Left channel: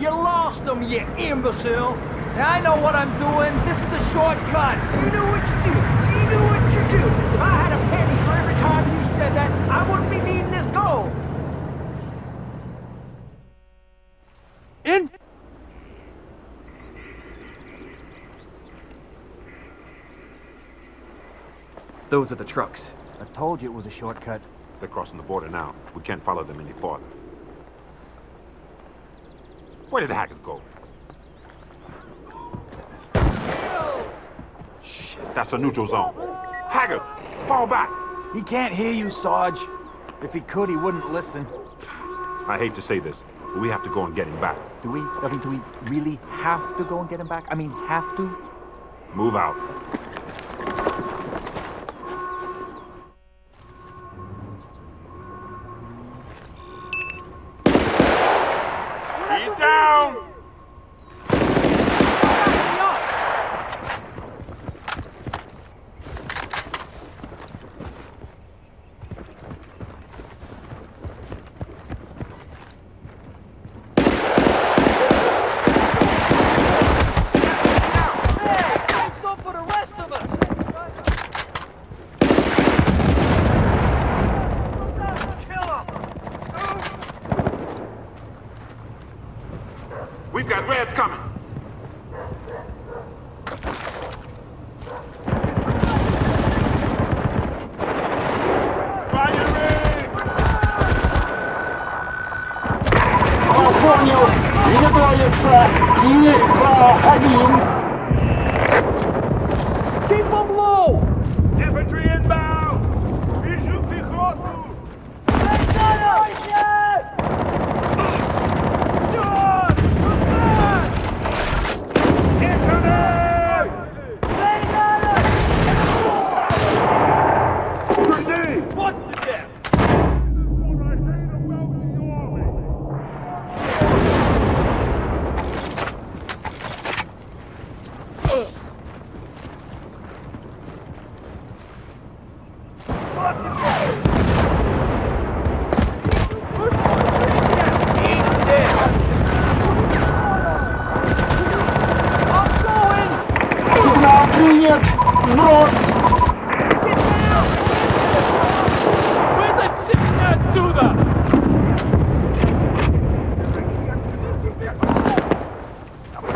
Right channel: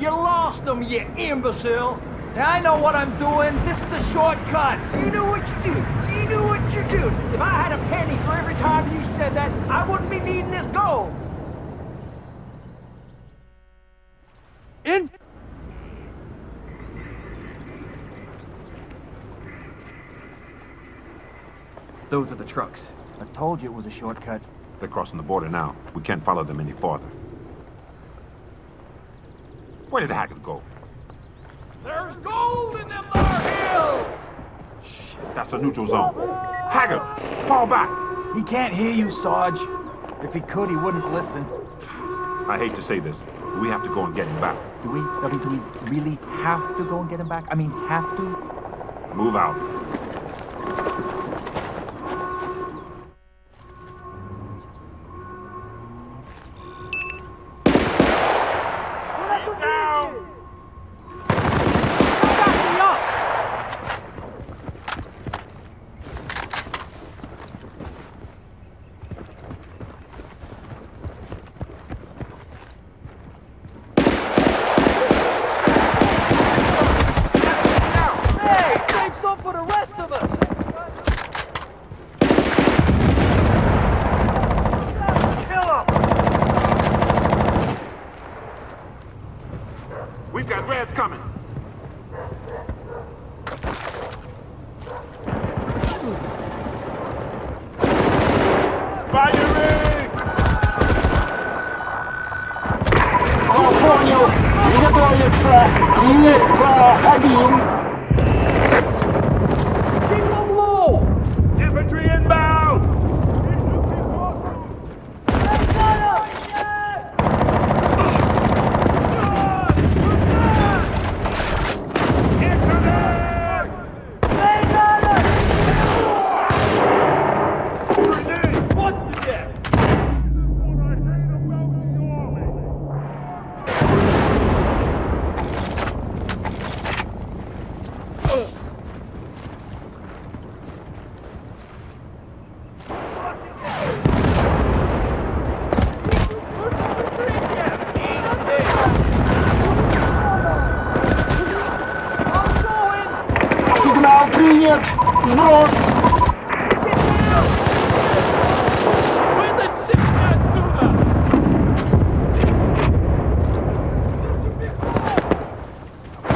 You lost them, you imbecile! Now I know what I'm doing. This is a shortcut. You knew what you do. You knew what you do. If I had a penny for every time you said that, I wouldn't be needing this gold. In. Those are the trucks. I told you it was a shortcut. They're crossing the border now. We can't follow them any farther. Where did Haggard go? There's gold in them there hills! Shit, that's a neutral zone. Haggard, fall back! He can't hear you, Sarge. If he could, he wouldn't listen. I hate to say this, but we have to go and get him back. Do we really have to go and get him back? I mean, have to? Move out. He's down! Back me up! Hey, save some for the rest of us! Kill him! We've got Reds coming. Firing! Вас понял. Приготовиться. 3, 2, 1. Keep them low! Infantry inbound! Incoming! Grenade! What to death? Сигнал принят. Сброс. Вытащите меня отсюда!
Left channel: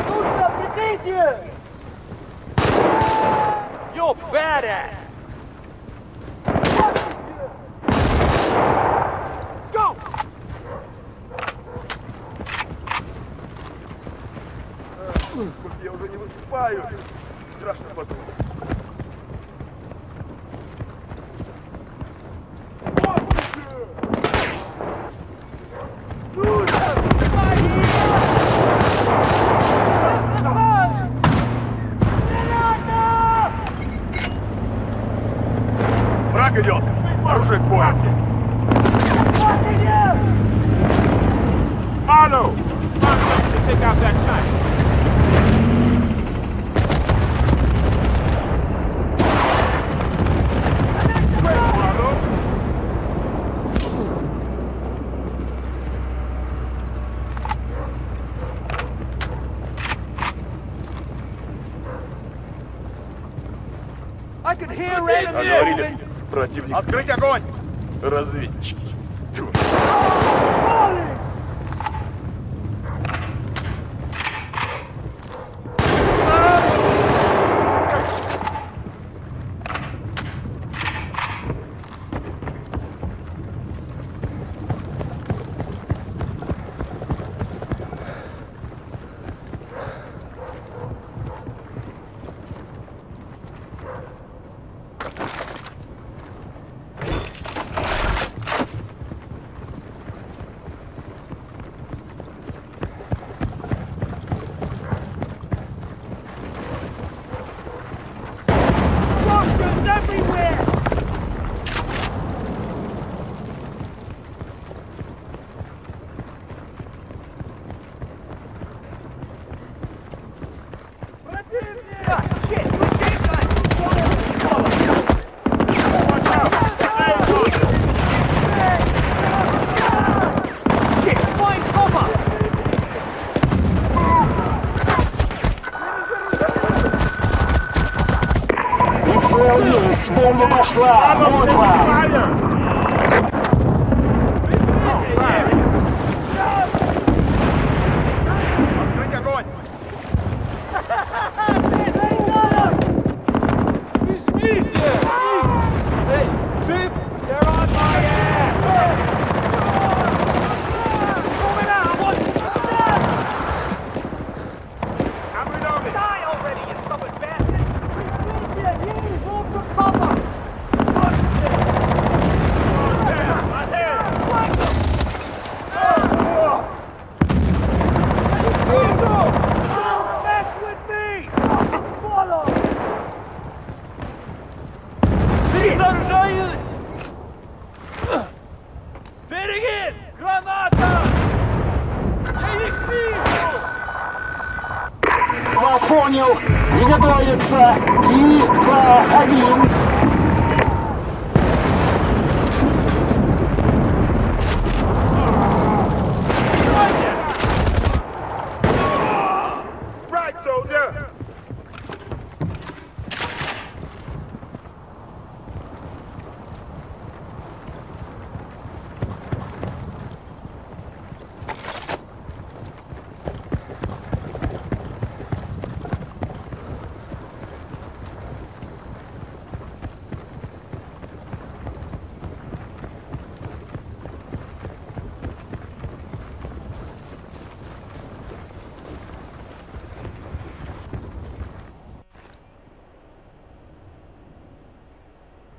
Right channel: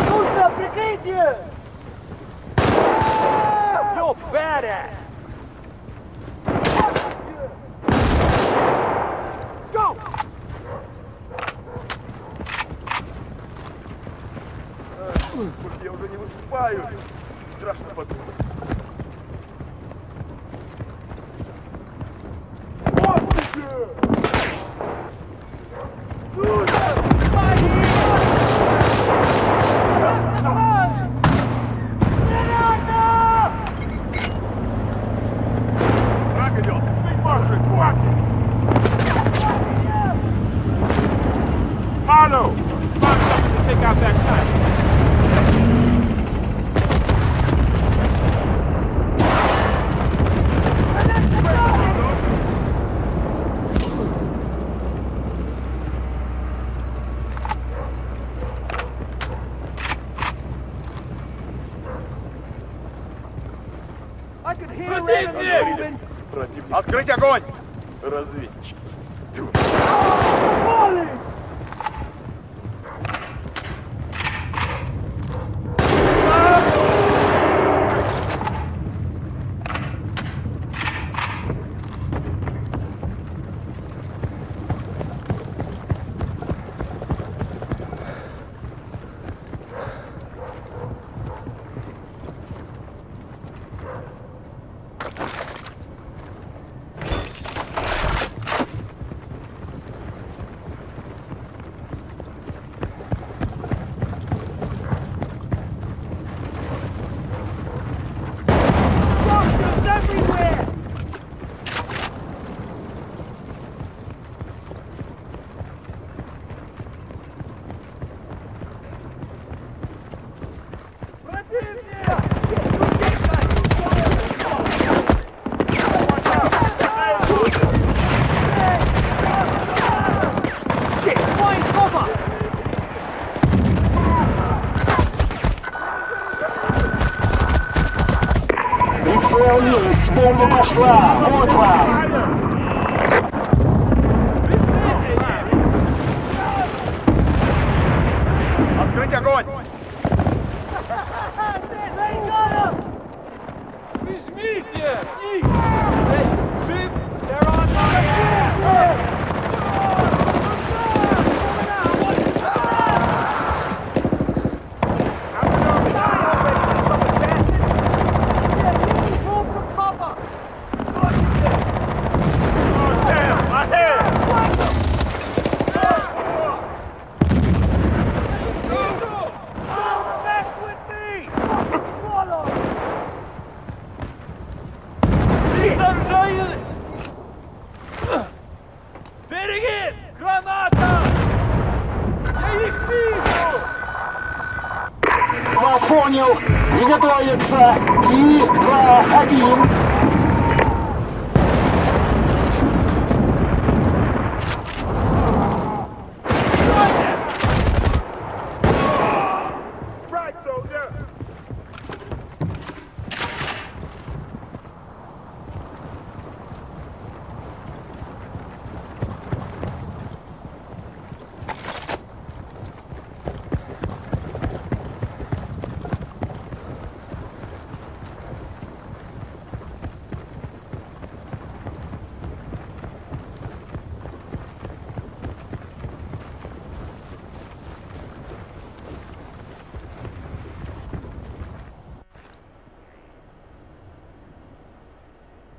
Нужно прикрытие! You're badass! Go! Сколько я уже не выступаю. Страшно подумать. Враг идет! Оружие к бою! Marlo! Find something to take out that tank. Quick, Marlo! I could hear Говорили, противник. Открыть огонь! Разведчики. бомба пошла! Вот вам! Открыть огонь! Hey, ship! They're on my ass! Die already, you stubborn bastard! Move for cover! Look at this! Oh, damn! My head! Flank them! Don't mess with me! Follow! Shit! Береги! Граната! Вас понял! Приготовиться! 3, 2, 1! Right, soldier!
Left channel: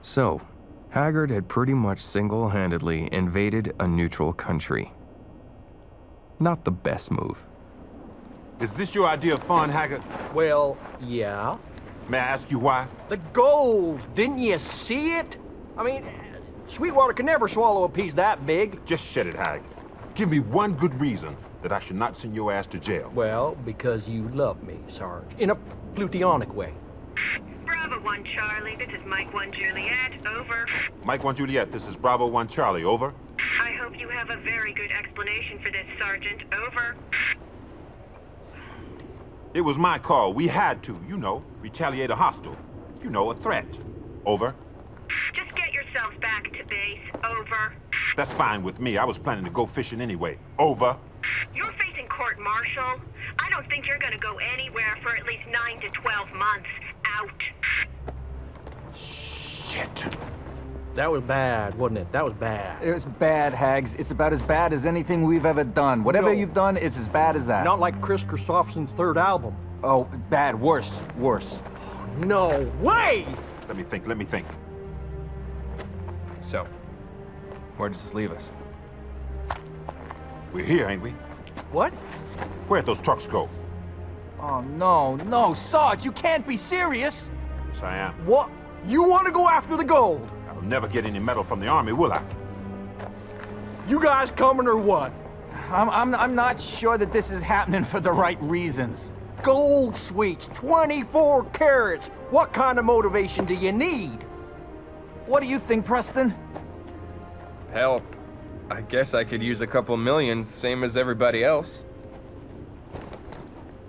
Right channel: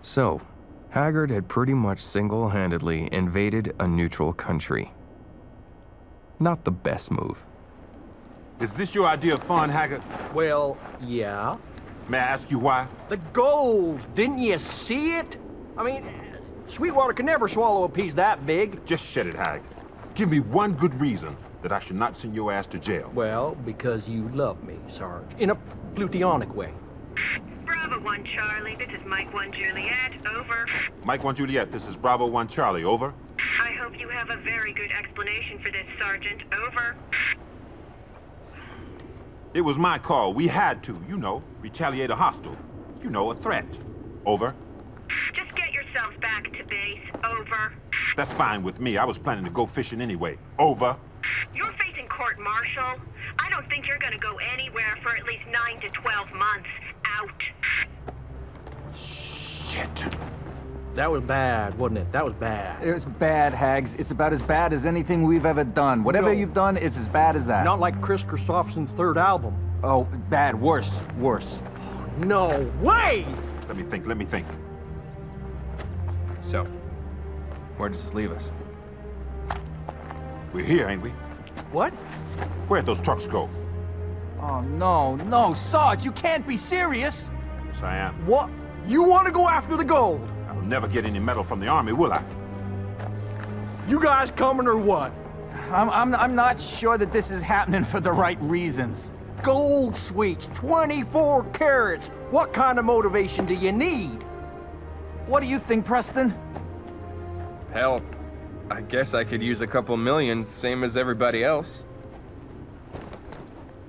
So, Haggard had pretty much single-handedly invaded a neutral country. Not the best move. Is this your idea of fun, Haggard? Well, yeah. May I ask you why? The gold! Didn't you see it? I mean, Sweetwater could never swallow a piece that big. Just shut it, Hag. Give me one good reason that I should not send your ass to jail. Well, because you love me, Sarge. In a plutonic way. Bravo 1 Charlie, this is Mike 1 Juliet, over. Mike 1 Juliet, this is Bravo 1 Charlie, over. I hope you have a very good explanation for this, Sergeant, over. It was my call. We had to, you know, retaliate a hostile. You know, a threat. Over. Just get yourselves back to base, over. That's fine with me. I was planning to go fishing anyway. Over. You're facing court-martial. I don't think you're gonna go anywhere for at least 9 to 12 months. Out. Shit. That was bad, wasn't it? That was bad. It was bad, Hags. It's about as bad as anything we've ever done. Whatever No. you've done, it's as bad as that. Not like Chris Christopherson's third album. Oh, bad. Worse. Worse. No way! Let me think. So, where does this leave us? We're here, ain't we? What? Where'd those trucks go? Oh, no, Sarge, you can't be serious! Yes, I am. What? You want to go after the gold? I'll never get any medal from the Army, will I? You guys coming or what? I'm not sure that this is happening for the right reasons. Gold sweets, 24 carats. What kind of motivation do you need? What do you think, Preston? Hell, I guess I could use a couple million, same as everybody else.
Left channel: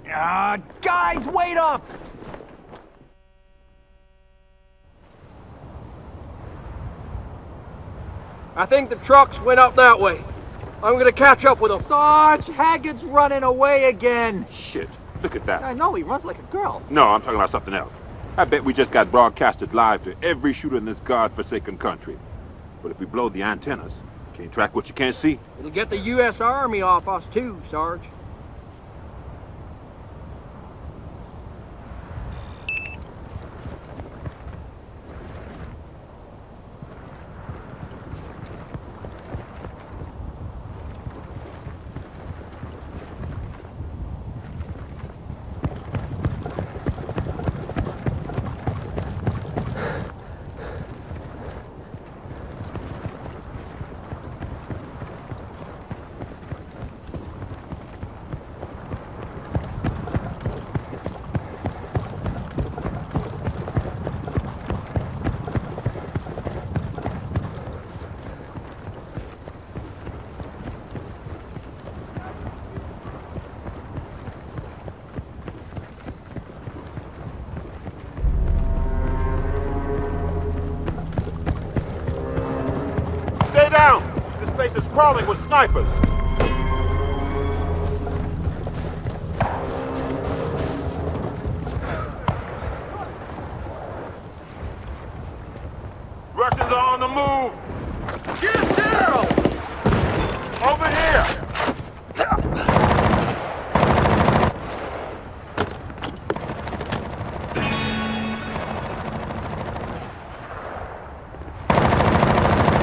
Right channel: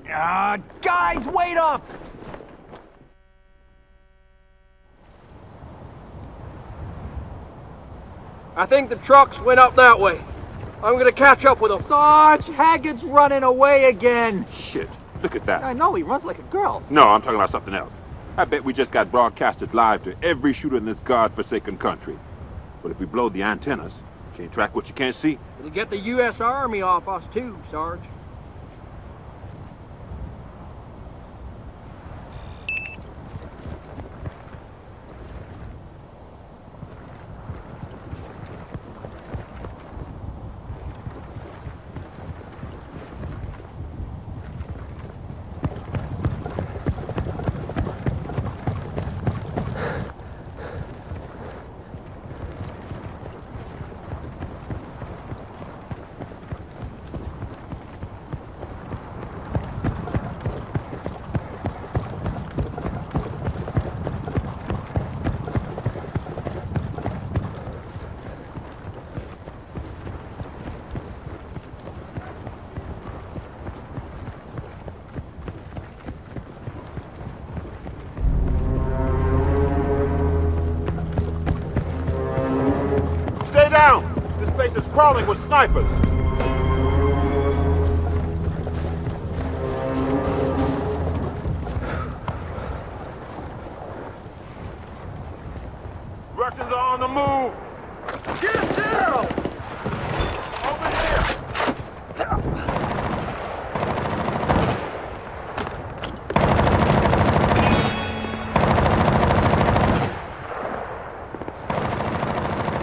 Guys, wait up! I think the trucks went up that way. I'm gonna catch up with them. Sarge, Haggard's running away again. Shit. Look at that. I know, he runs like a girl. No, I'm talking about something else. I bet we just got broadcasted live to every shooter in this godforsaken country. But if we blow the antennas, can't track what you can't see. It'll get the U.S. Army off us too, Sarge. crawling with snipers. Russians are on the move. Get down! Over here.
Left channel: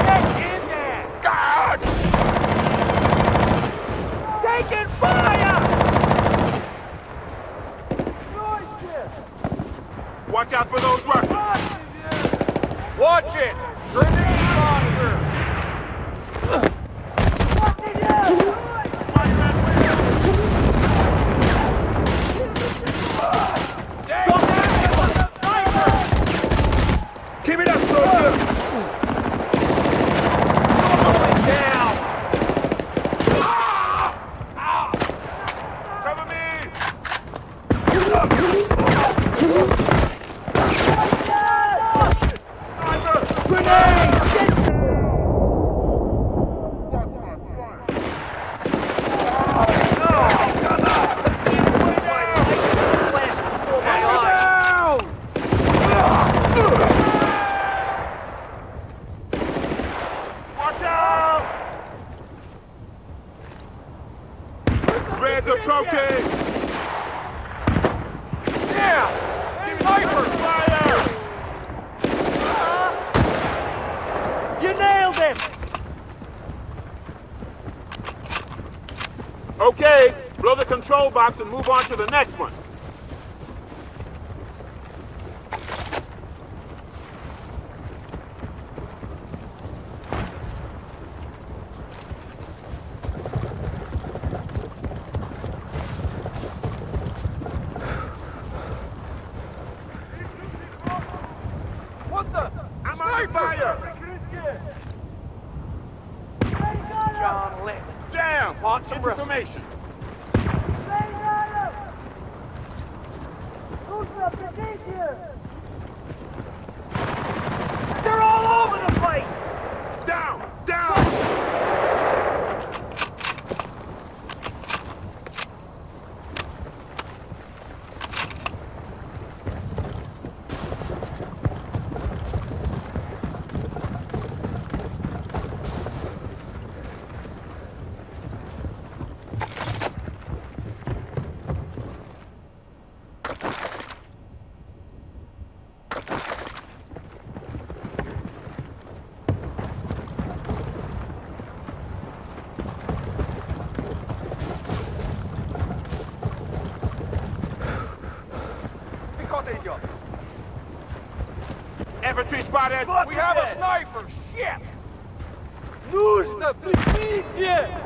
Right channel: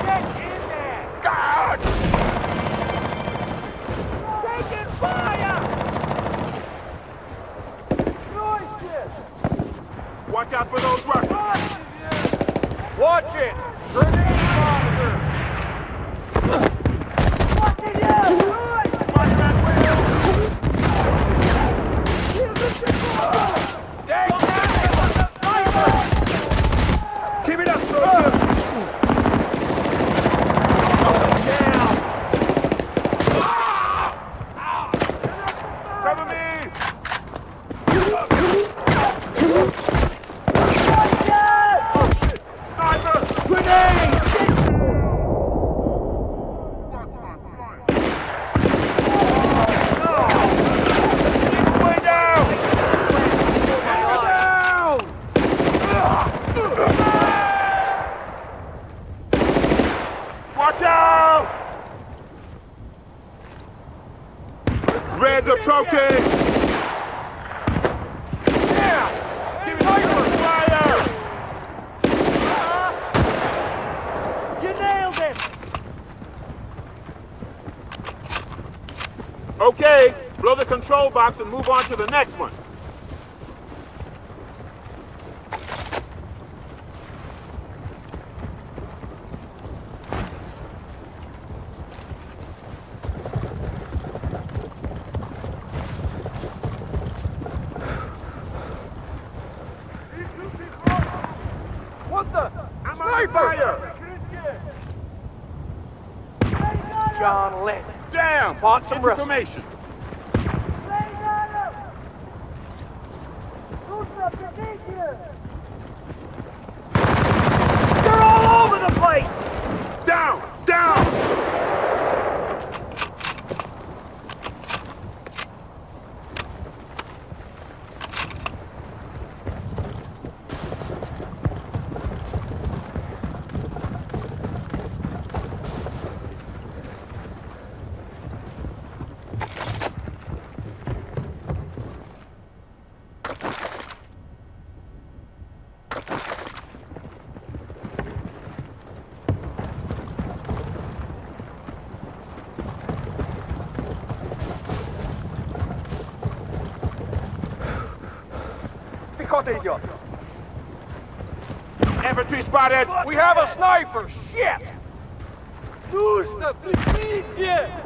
Get in there! God! Taking fire! Watch out for those Russians. Watch it! Grenade launcher! Keep it up, soldier. Cover me. Sniper! Grenade! Way down! Watch out! Red's approaching! Down! Sniper! Fire! You nailed him! Okay, blow the control box and move on to the next one. What the? Sniper! John Lennon. Damn! Spot some Russians. information. They're all over the place! Down! Down! Пехота идет! Infantry spotted! We have a sniper! Shit! Нужно прикрытие!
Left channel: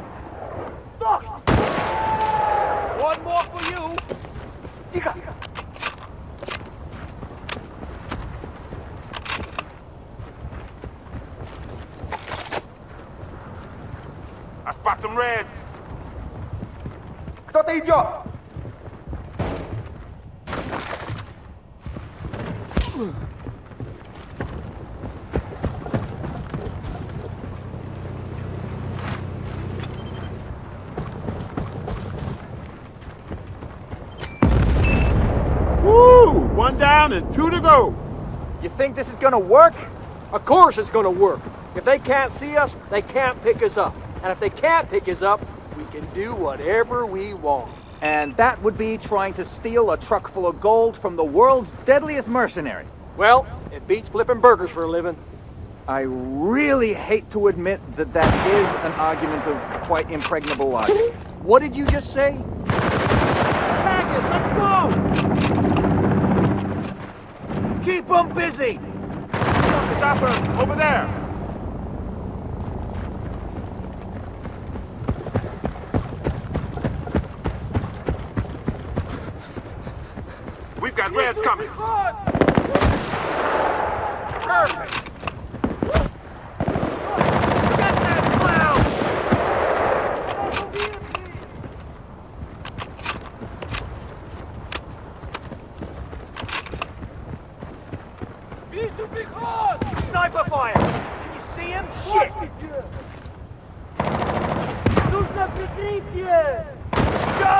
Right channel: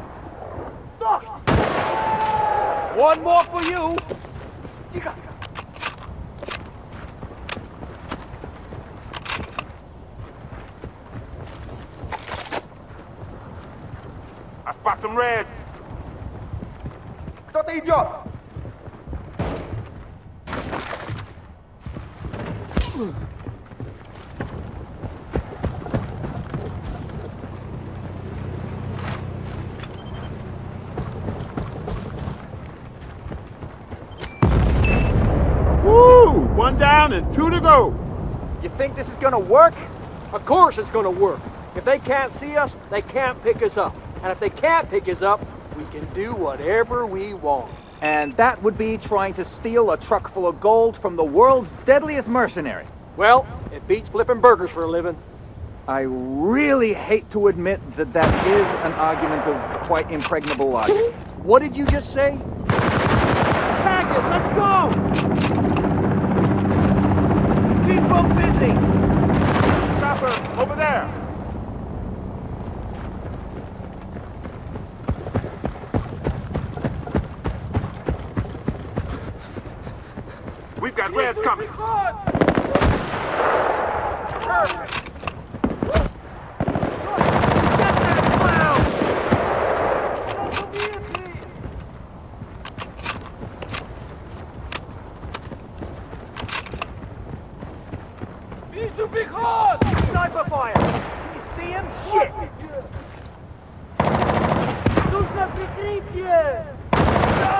One more for you! Тихо! I spot some Reds! Кто-то идет! Woo! One down and two to go. You think this is gonna work? Of course it's gonna work. If they can't see us, they can't pick us up. And if they can't pick us up, we can do whatever we want. And that would be trying to steal a truck full of gold from the world's deadliest mercenary. Well, it beats flipping burgers for a living. I really hate to admit that that is an argument of quite impregnable logic. What did you just say? Haggard, let's go! Keep them busy! Chopper, over there. We've got Reds coming. Get that clown! Вижу приход! Sniper fire! Can you see him? Shit! Let's go!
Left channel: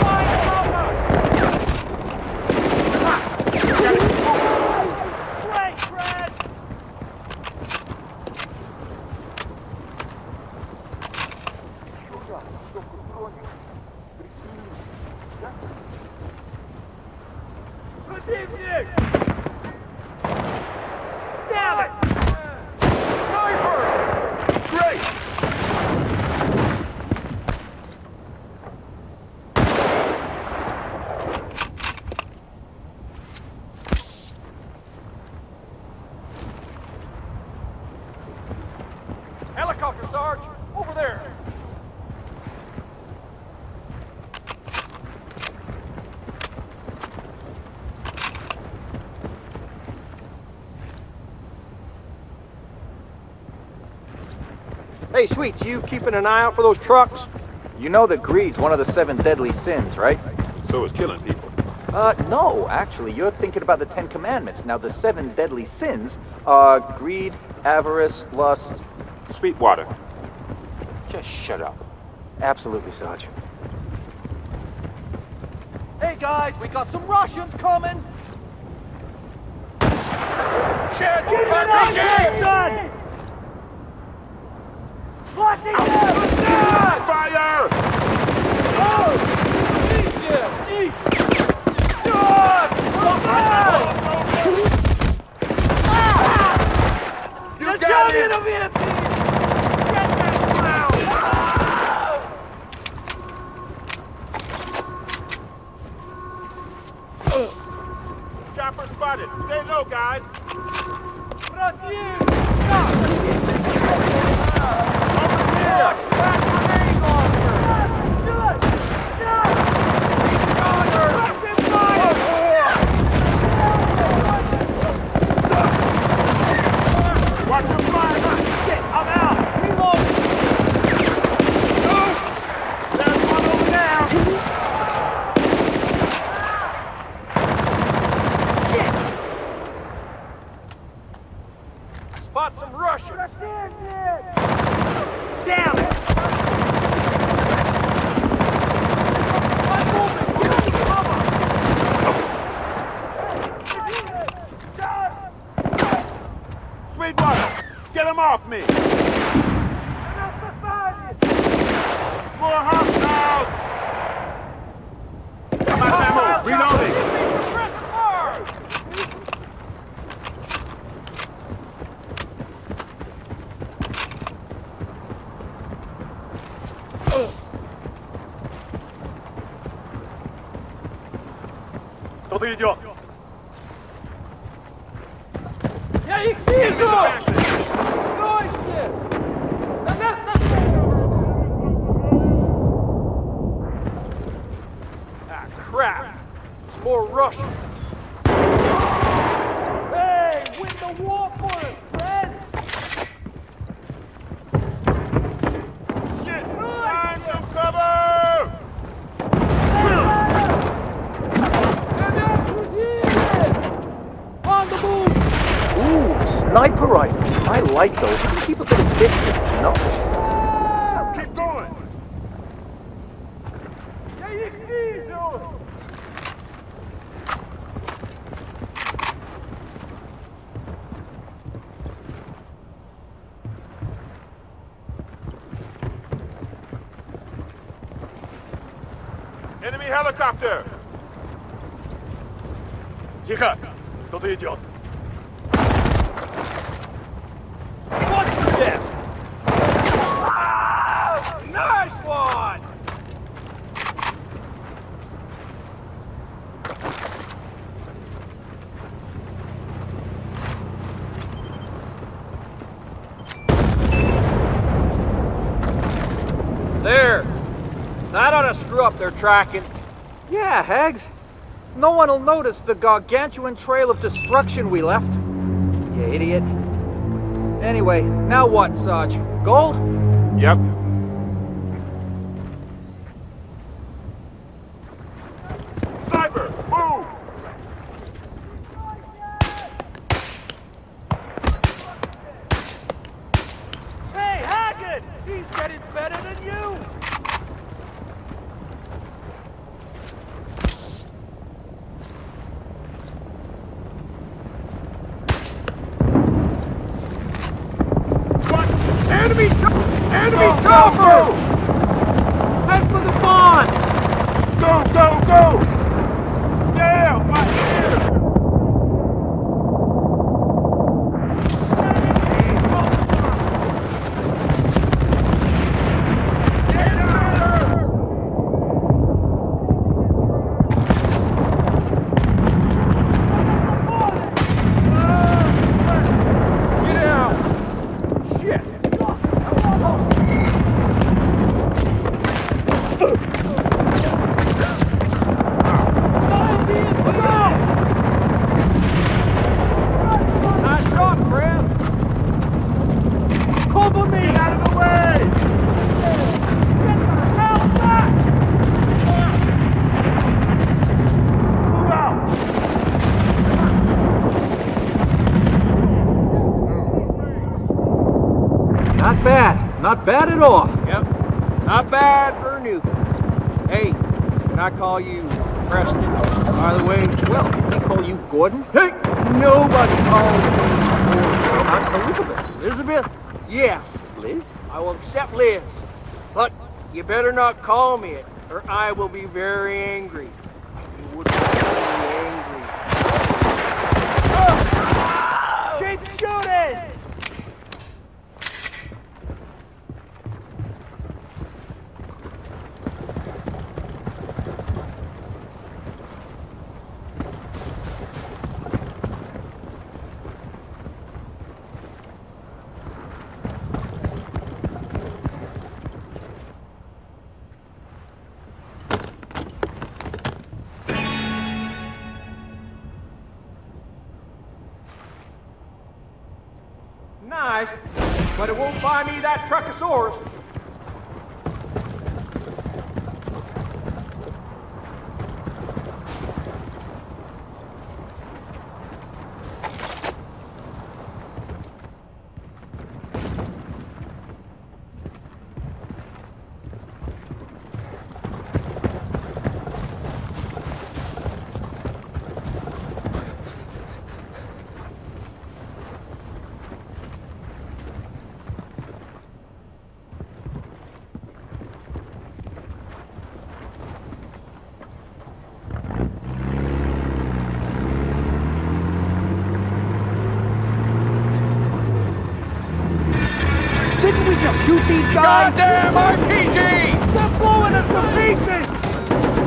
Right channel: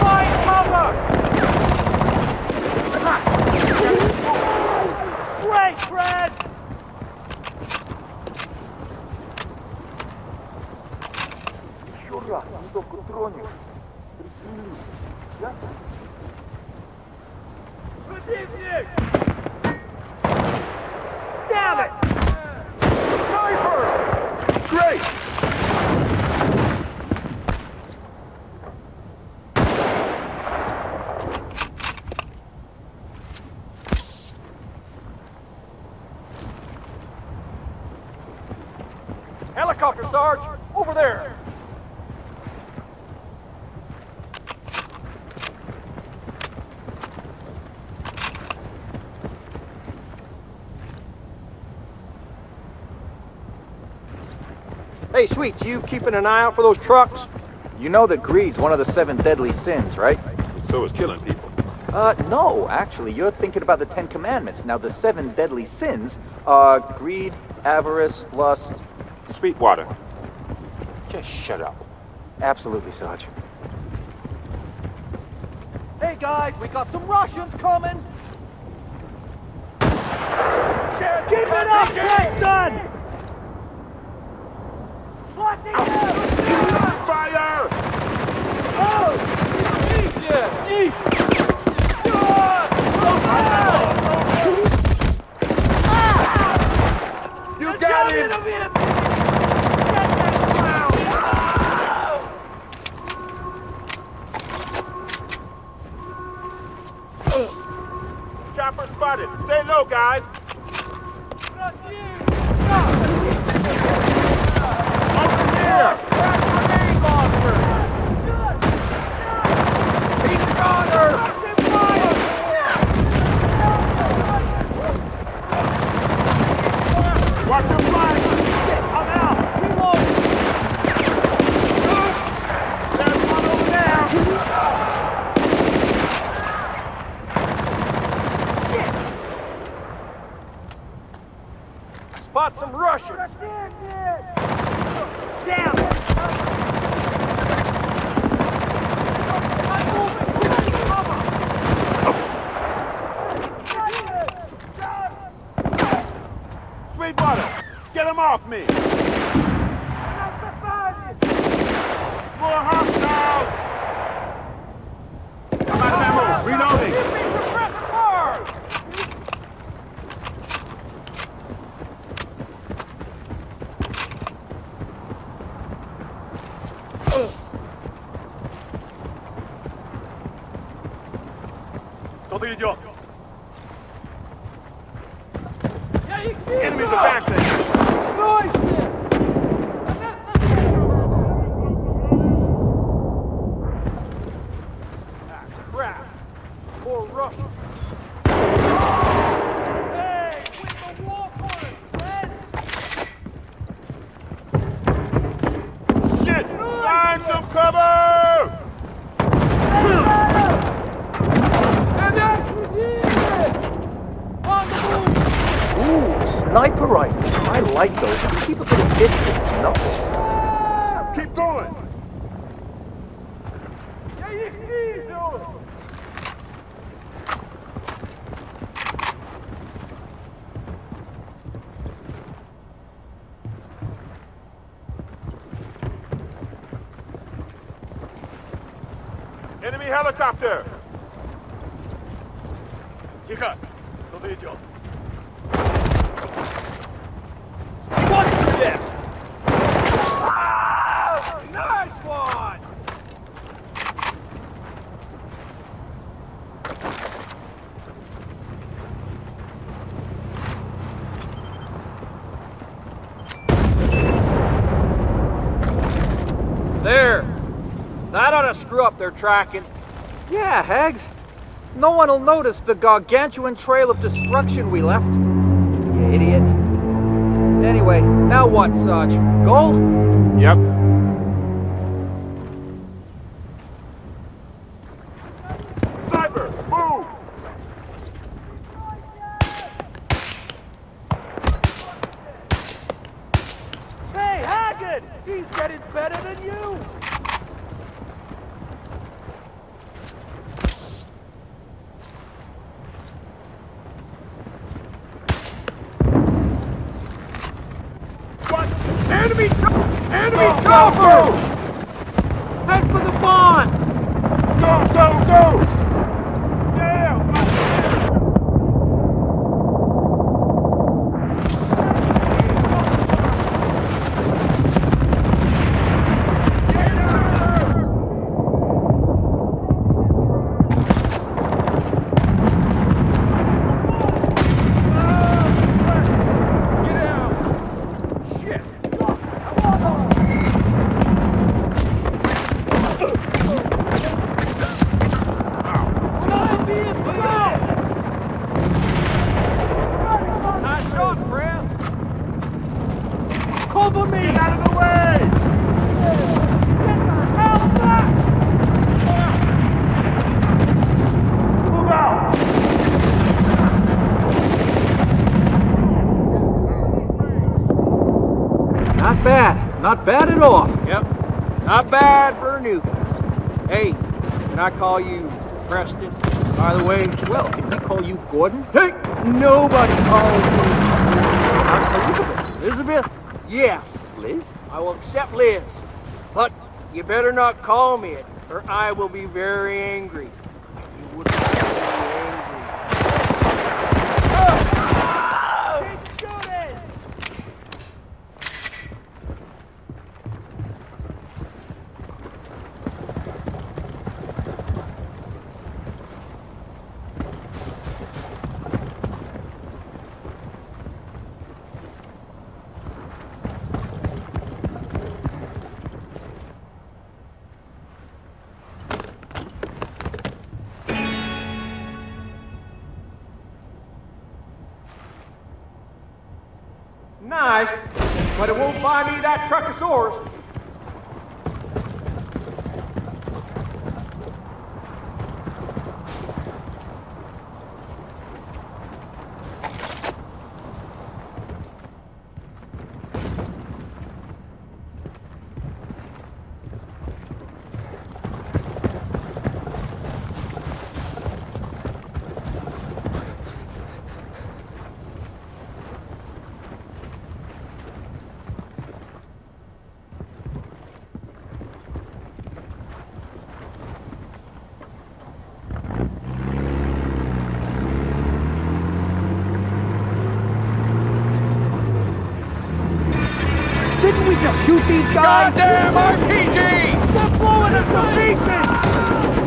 Fire cover! Great, Fred! Еще раз, не только тронешь. Пристрелю. Ясно? Противник! Damn it! Sniper! Great! Helicopter, Sarge! Over there! Hey, Sweets, you keeping an eye out for those trucks? You know that greed's one of the 7 deadly sins, right? And so is killing people. No, actually, you're thinking about the 10 Commandments. Now, the 7 deadly sins are greed, avarice, lust. Sweetwater, just shut up. Absolutely, Sarge. Hey, guys, we got some Russians coming! Get it on, Preston! Fire! Oh! Извините! Их! Черт! You got it! Get that clown! Chopper spotted. Stay low, guys. Over here! That grenade launcher! He's a goner! Russian fire! Watch your flank! Shit, I'm out! Reloading! There's one over there! Shit! I spot some Russians! Damn it! I'm moving! Give us some cover! Sweetwater, get him off me! More hostiles! I'm out of ammo. Reloading! Кто-то идет. Я их вижу! Back there. Стой! На нас Ah, crap! It's more Russians. Hey, win the war for us, Fred! Shit! Find some cover! On the move! Ooh, sniper rifle. I like those. You can keep a bit of distance, you know? Keep going! Я их вижу! Enemy helicopter! Тихо! Кто-то идет. What the? Oh, nice one! There! That ought to screw up their tracking. Yeah, Hags. No one will notice the gargantuan trail of destruction we left. You idiot. Anyway, now what, Sarge? Gold? Yep. Sniper, move! Enemy Go, chopper! go, Head for the barn! go! Go, go, go! Yeah, right here! Where did he come from? Get out! Get out! Shit! Nice shot, friend! Cover me! Get out of the way! Get the hell back! Move out! Not bad. Not bad at all. Yep. Not bad for a newbie. Hey, can I call you Preston, by the way? Well, can we call you Gordon? Hey, nobody calls me Gordon. How about Elizabeth? Elizabeth? Yes, Liz? I will accept Liz. But you better not call me it, or I will be very angry. And you wouldn't want to be angry. Keep shooting! Nice, but it won't buy me that Truckosaurus. Didn't we just shoot these guys? Goddamn RPG! They're blowing us to pieces!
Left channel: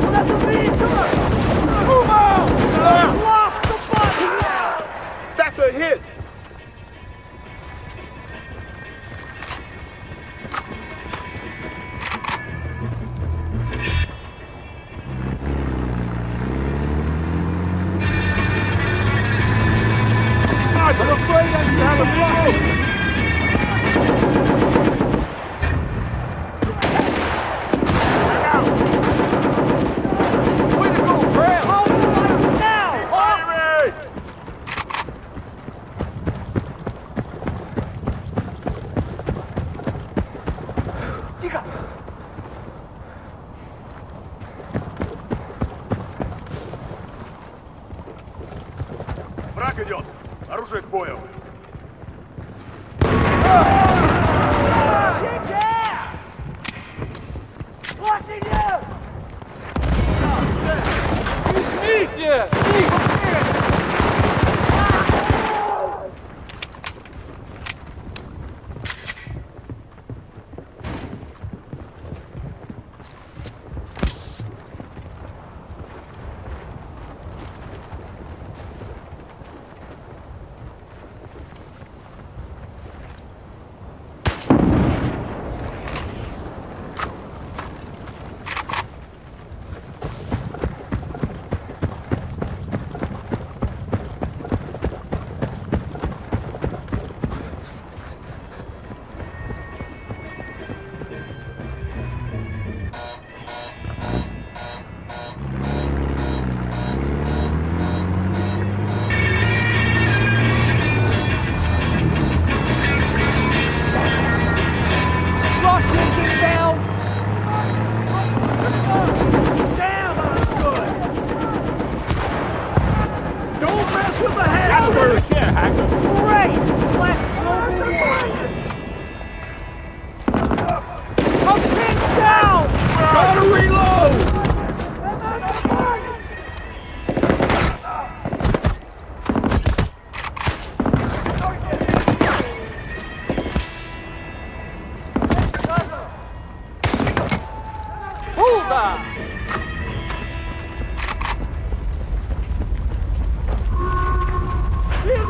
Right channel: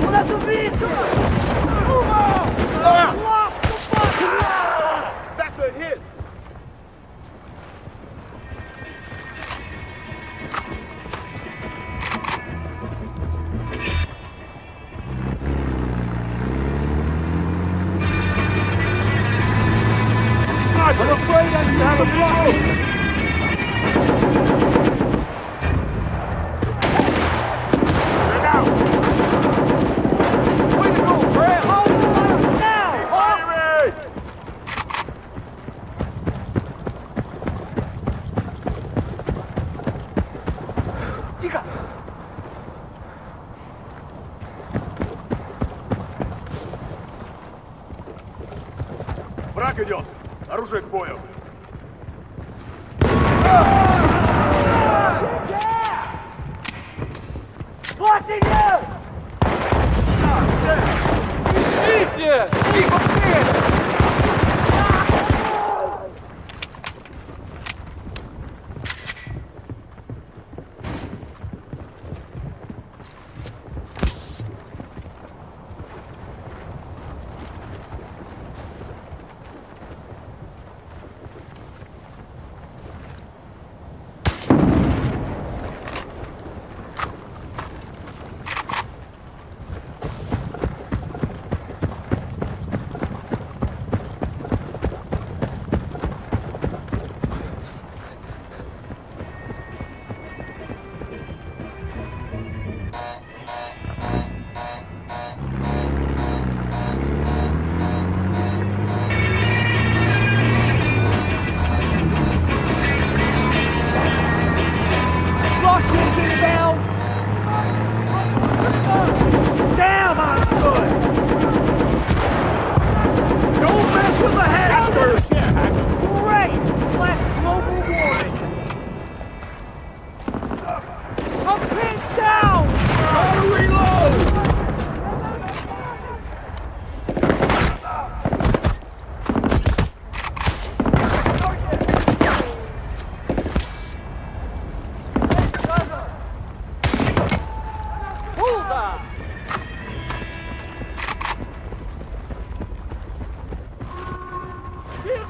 Well, that's what we need to move out! Lock the button! That's a hit! Sniper! I'm afraid I see Have a some visual. Russians. Get out! Way to go, Brad! How do you like me now? Hurry! Враг идет! Оружие к бою! Извините! Тихо, Пен!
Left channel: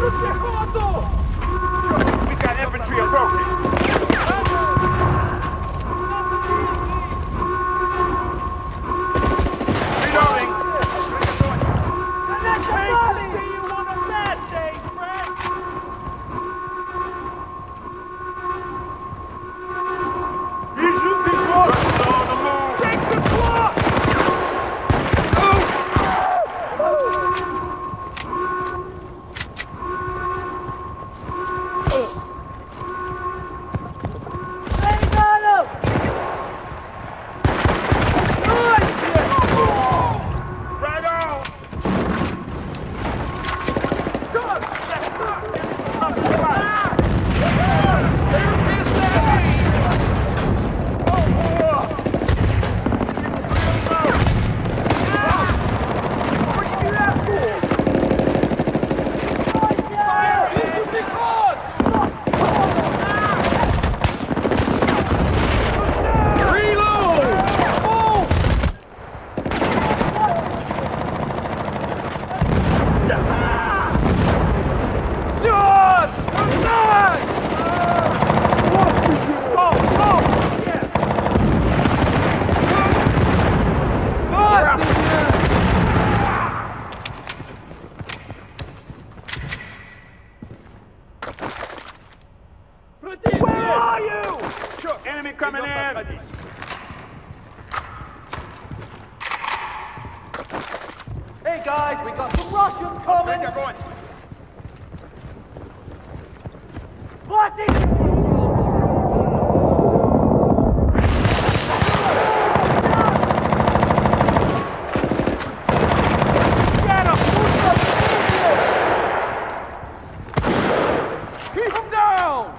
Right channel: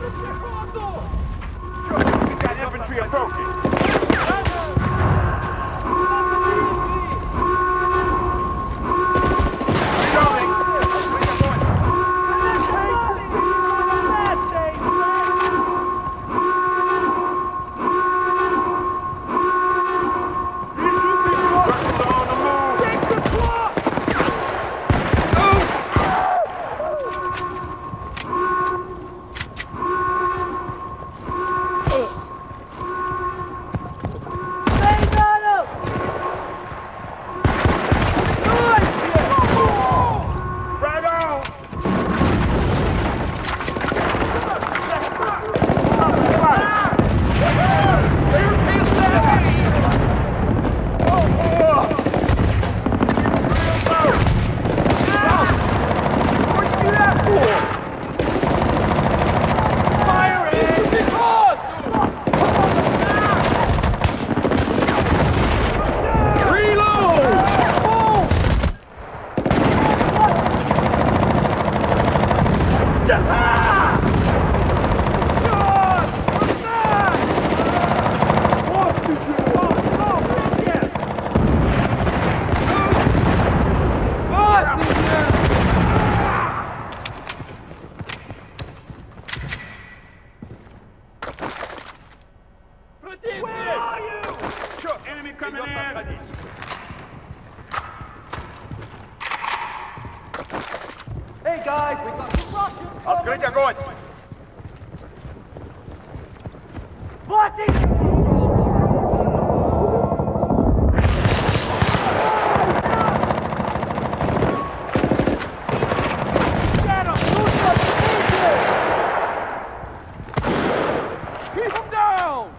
We got infantry approaching. Reloading. Visual because 6 o'clock! They got him! Nice! Yeah! Right on. They're pissed at me! What'd you do that for? Fire it! Because! Reload! Boom! John! Come back! What did you? Oh, yeah! What did you? Where are you? Enemy coming in. Hey guys, we got some Russians coming! Открыть огонь! Keep him down!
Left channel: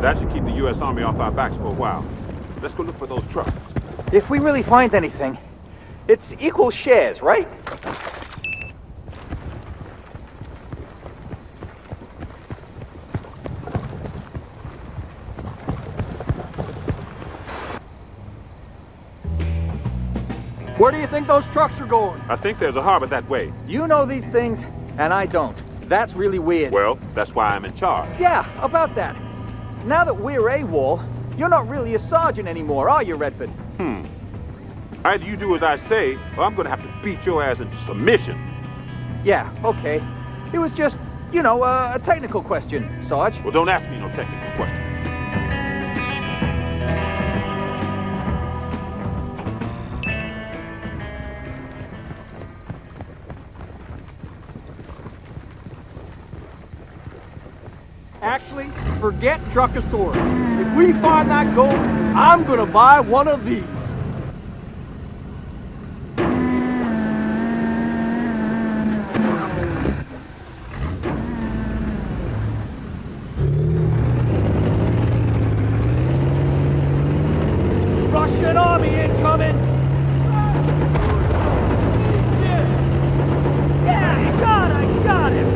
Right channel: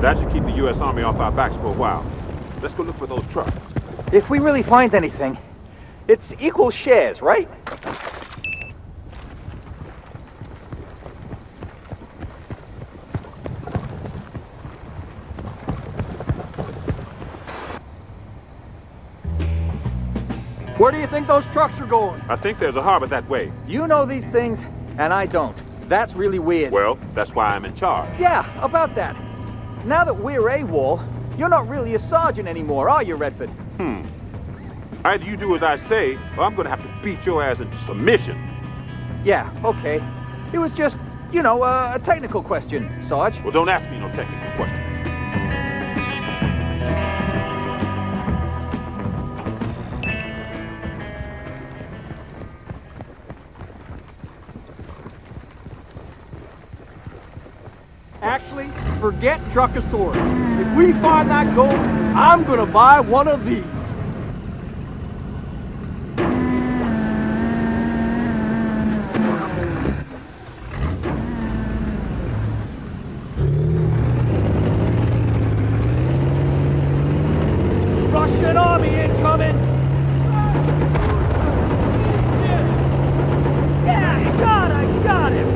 That should keep the U.S. Army off our backs for a while. Let's go look for those trucks. If we really find anything, it's equal shares, right? Where do you think those trucks are going? I think there's a harbor that way. You know these things, and I don't. That's really weird. Well, that's why I'm in charge. Yeah, about that. Now that we're AWOL, you're not really a sergeant anymore, are you, Redford? Either you do as I say, or I'm gonna have to beat your ass into submission. Yeah, okay. It was just, you know, a technical question, Sarge. Well, don't ask me no technical questions. Actually, forget Truckosaurus. If we find that gold, I'm gonna buy one of these. Russian army incoming! Yeah, got him!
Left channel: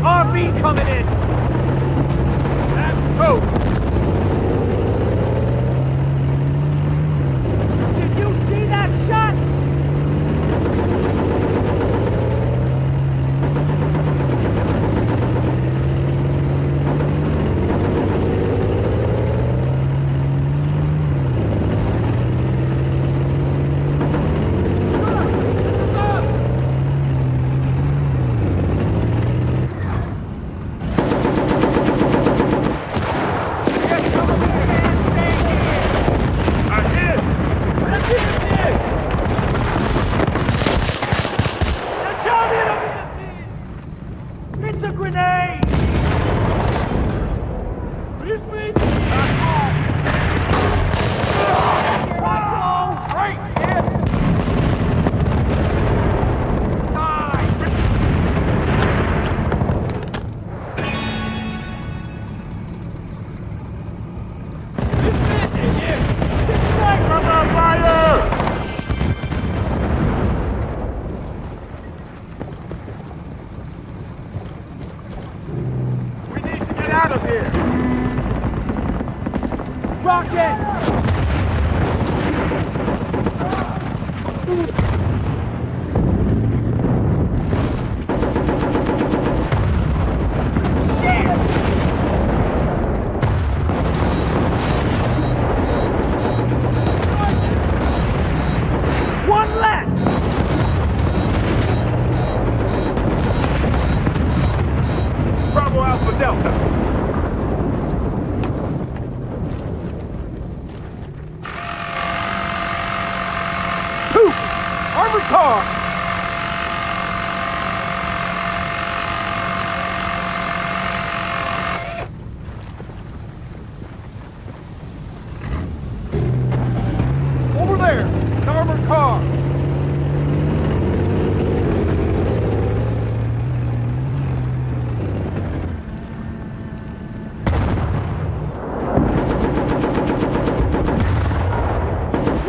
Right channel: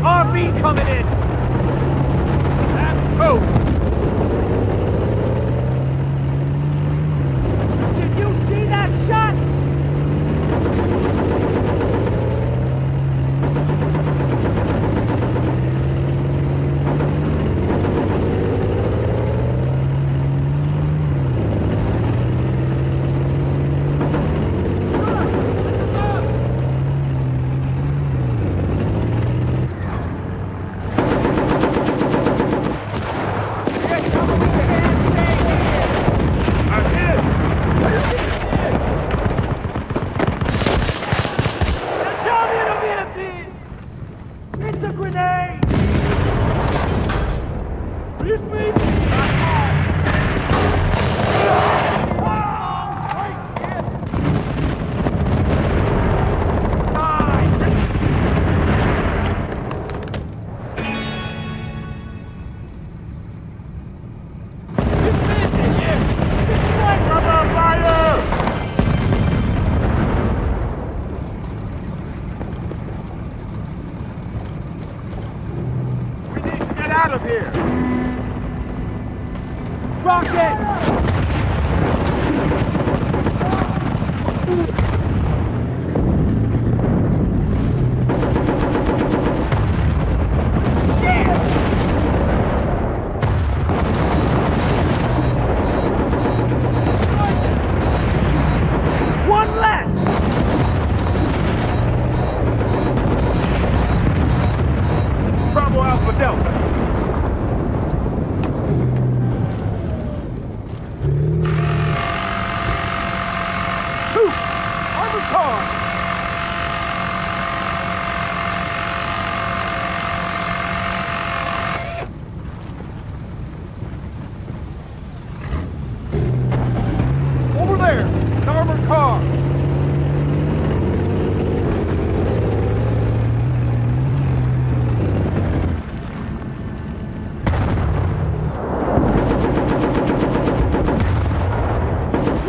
RV coming in! That's toast! Did you see that shot? It's a grenade! This means here I go! Right, kid! Die! This means here! This place! Cover fire! Get out of here! Rocket! One less! Bravo Alpha Delta! Armored car! Over there! An armored car!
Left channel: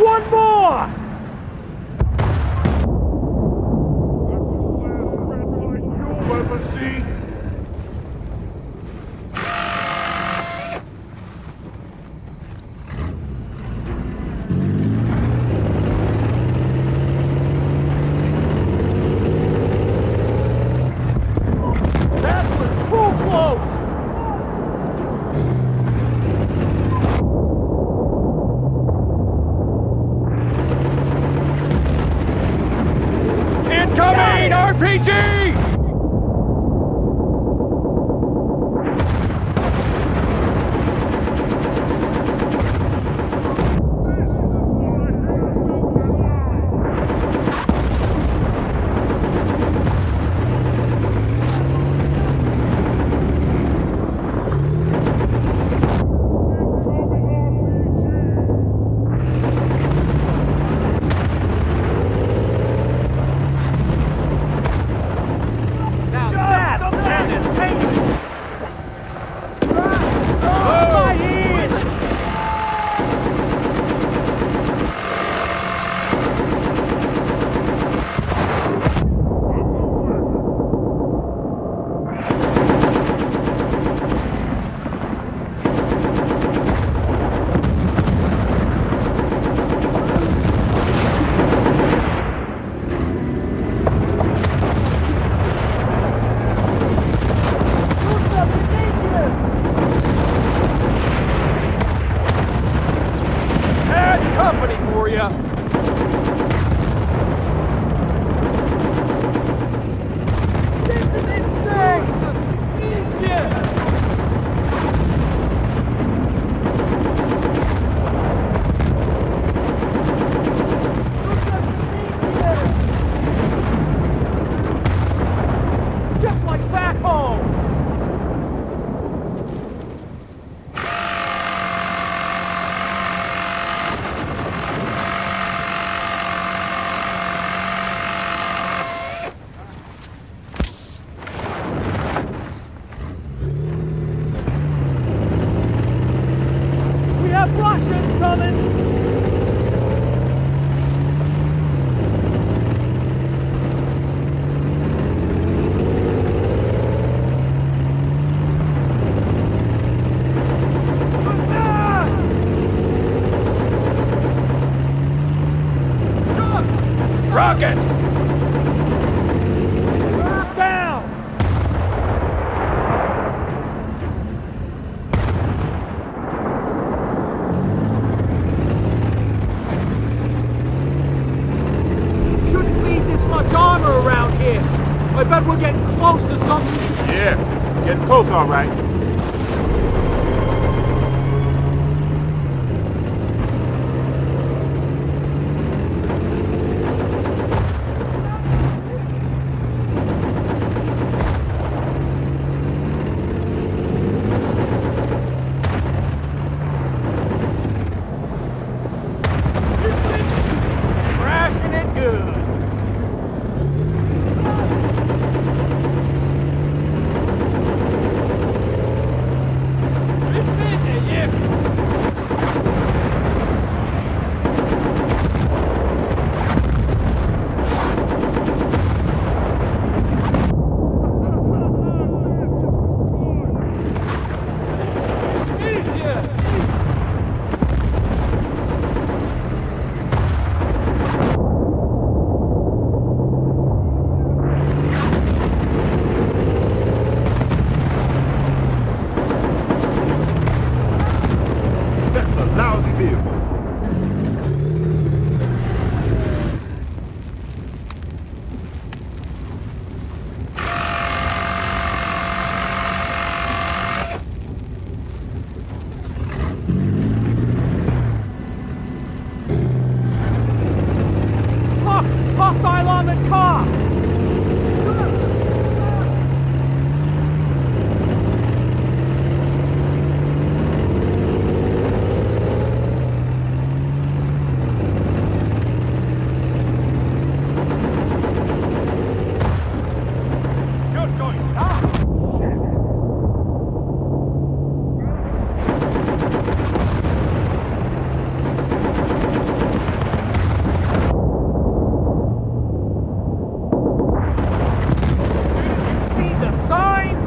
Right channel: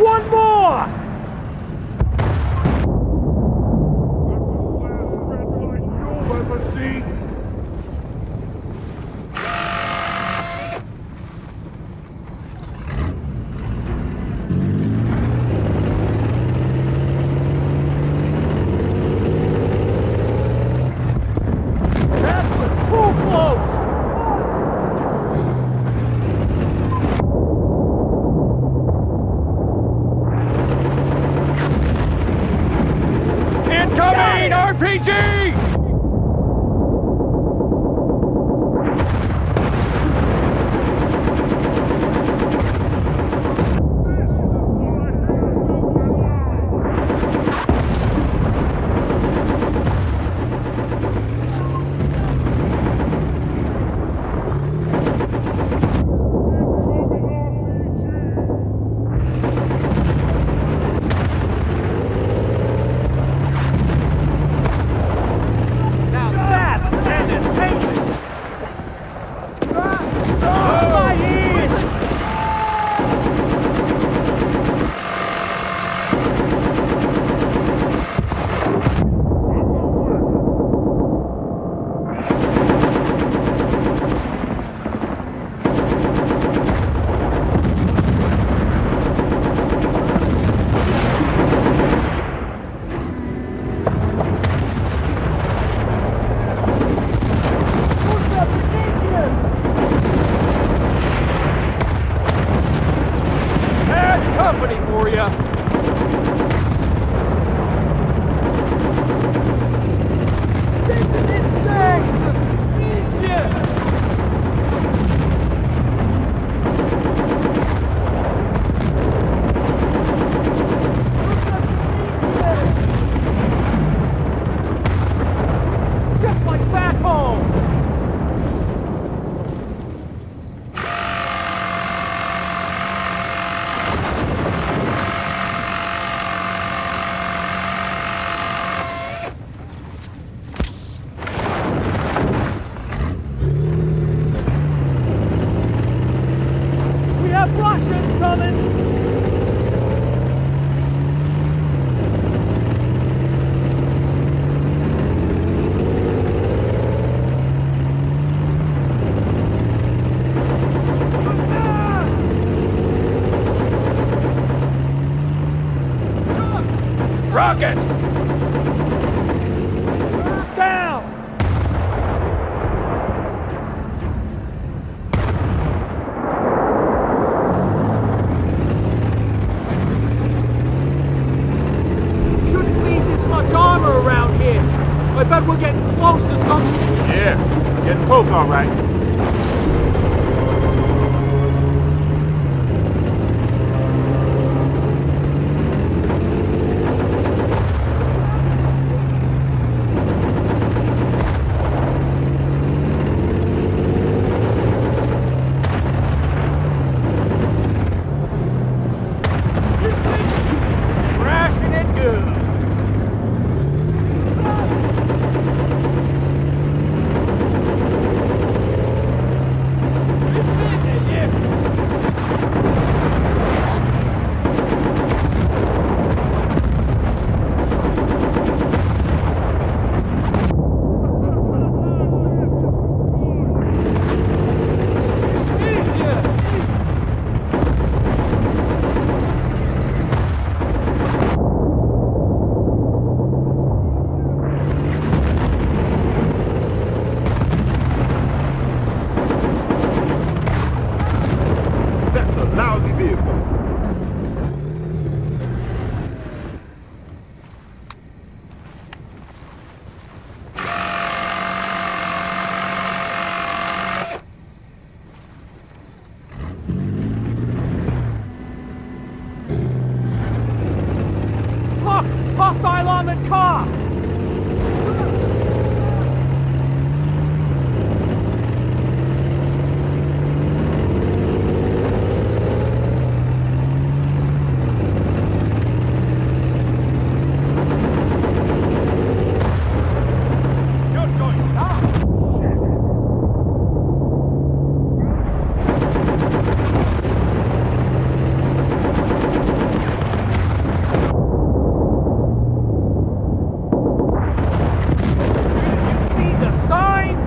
One more! That's the last red light you'll ever see! That was too close! Incoming RPG! Now that's entertainment! Oh, my ears! Bad company for you. This is insane! Easy! Just like back home! We have Russians coming! Rocket! Down! Shouldn't leave this much armor around here. I bet we're getting close to something. Yeah, getting close all right. signs?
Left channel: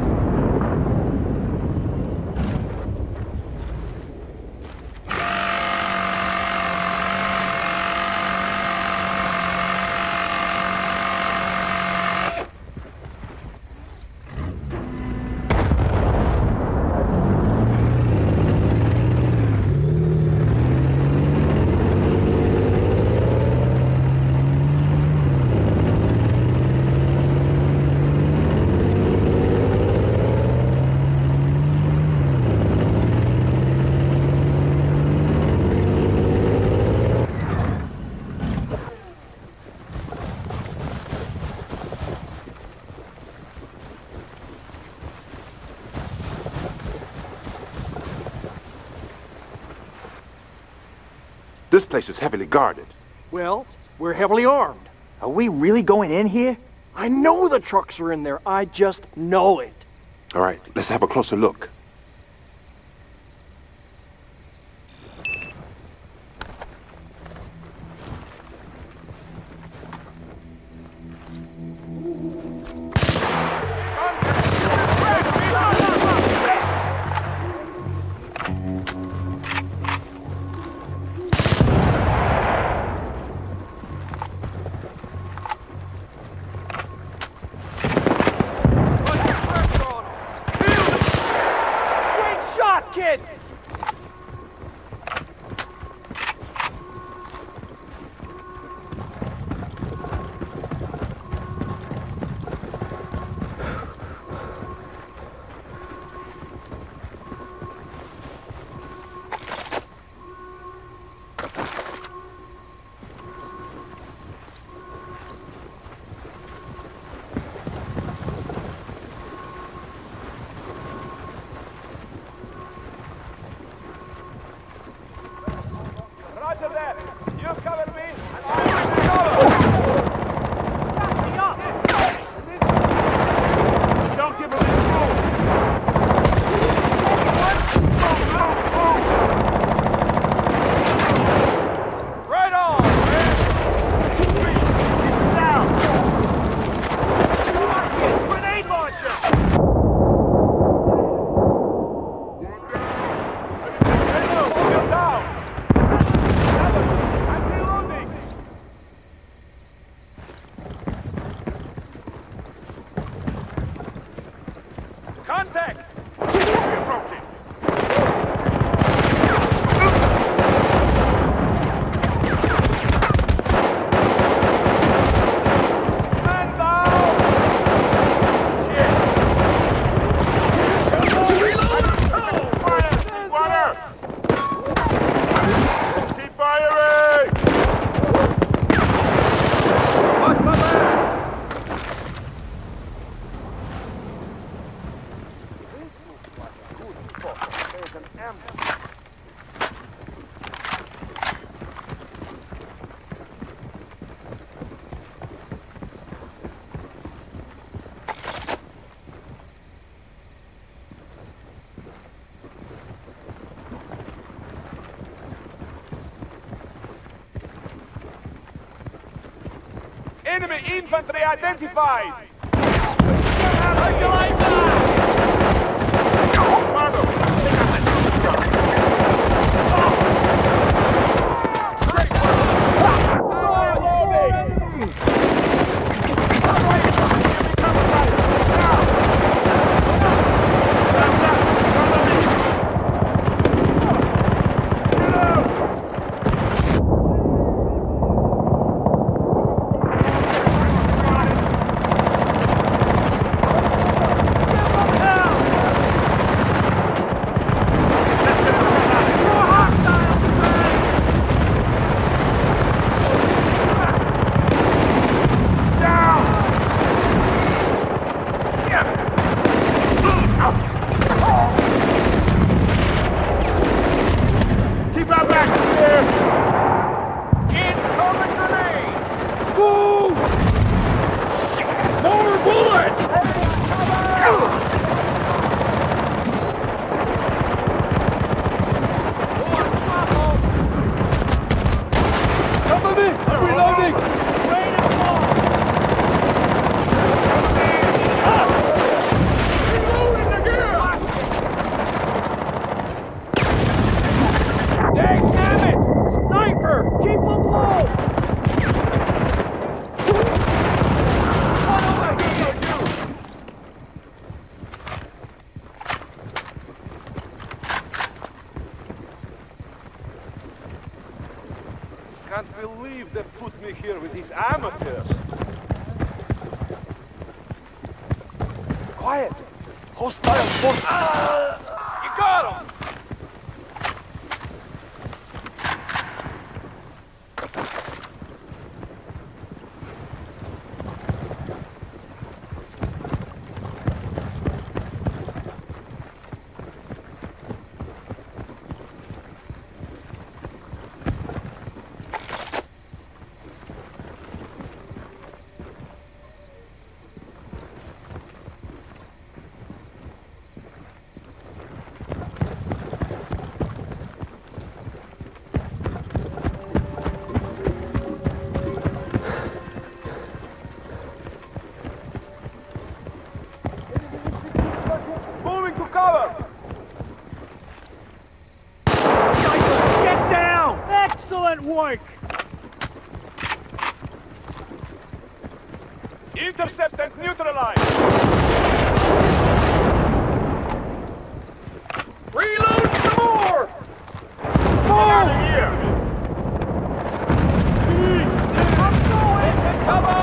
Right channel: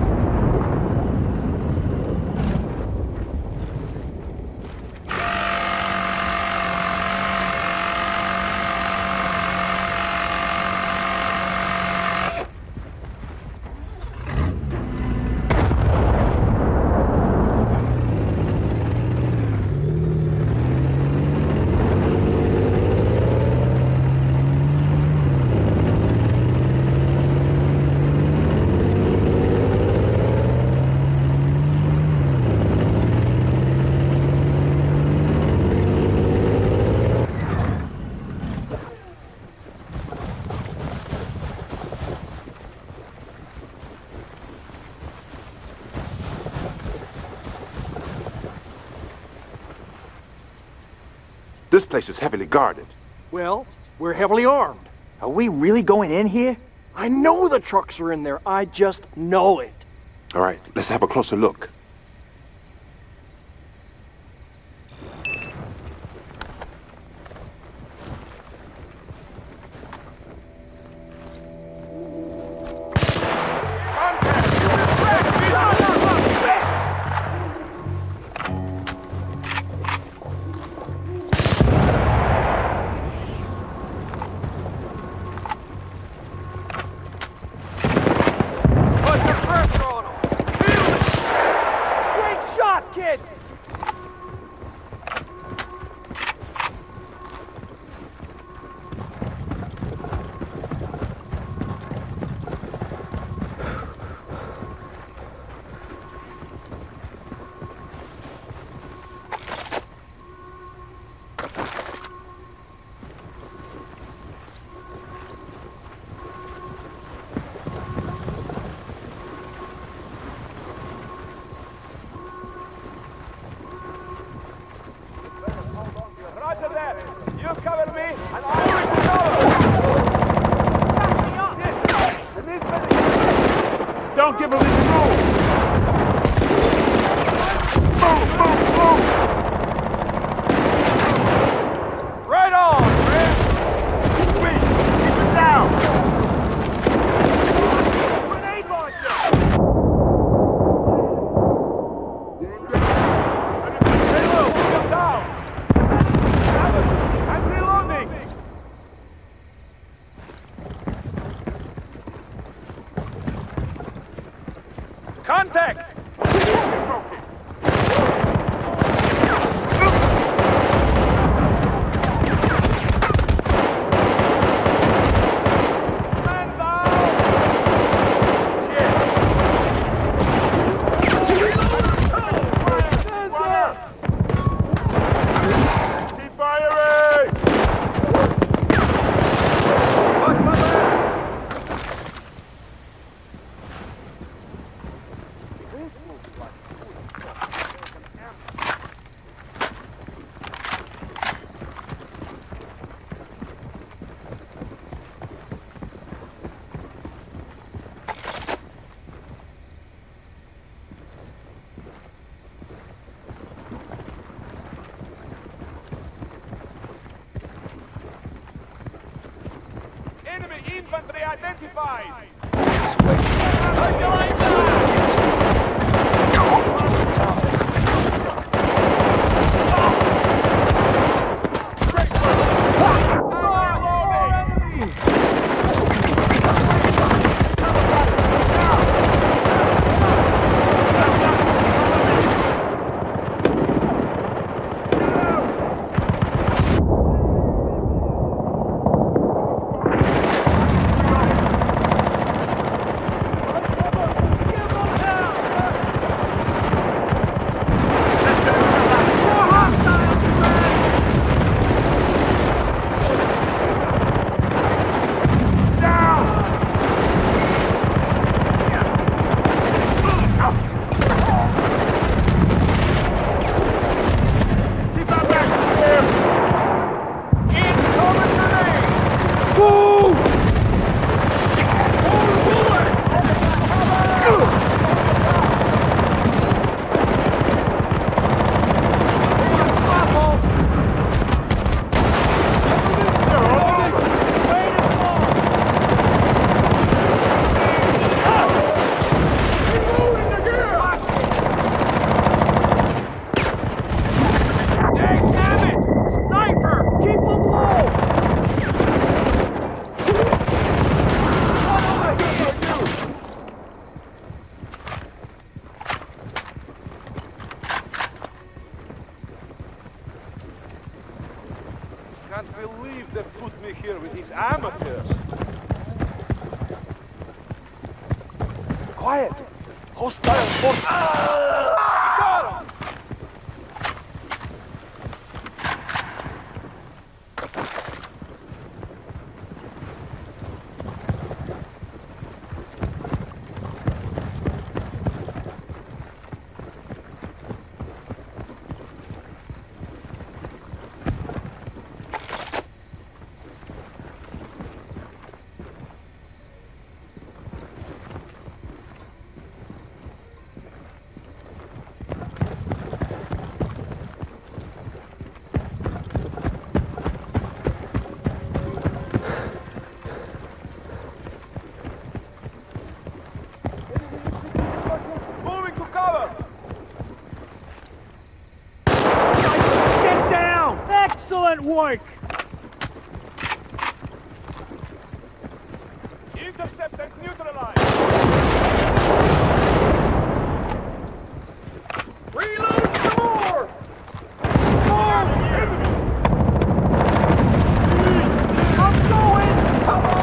This place is heavily guarded. Well, we're heavily armed. Are we really going in here? I know the trucks are in there. I just know it. All right, let's have a closer look. Contact! You will break a visual! Put the pressure on him! Feel it! Great shot, kid! Roger that. You cover me, and I'll move to cover. Back me up. Don't give him any room! Move, move, move! Right on, Fred. Sweet! Keep it down! Grenade launcher. Hey, Lou, hold him down. Alan, I'm reloading. Contact! Man down! Shit! Keep firing! Watch my back! This looks like a good spot to take an ambush. Enemy infantry identified! How'd you like that? More hostiles! believe they put me here with these amateurs. Quiet! Hostile force! You got him! Moving to cover! Get down! Excellent work! Intercept and neutralize! Reload some more! Move! I'm going! Cover!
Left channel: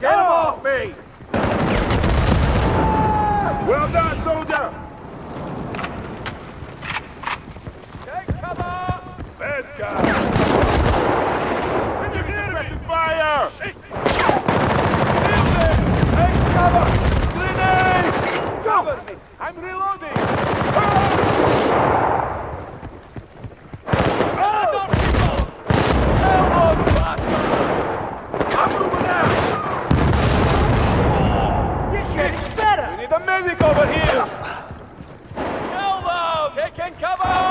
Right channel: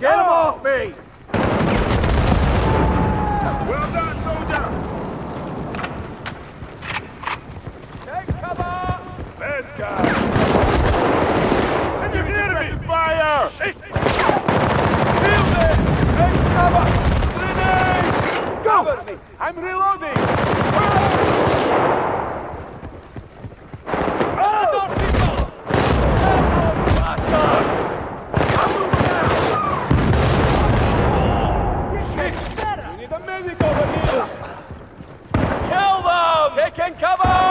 Get him off me! Well done, soldier! Take cover! Bad guy! Can you hear me? Fire! Shit! Kill them! Take cover! Grenade! Cover me! I'm reloading! Other people! Elbow bastards! I'm moving out! Shit! Better! We need a medic over here! Kill them! Taking cover!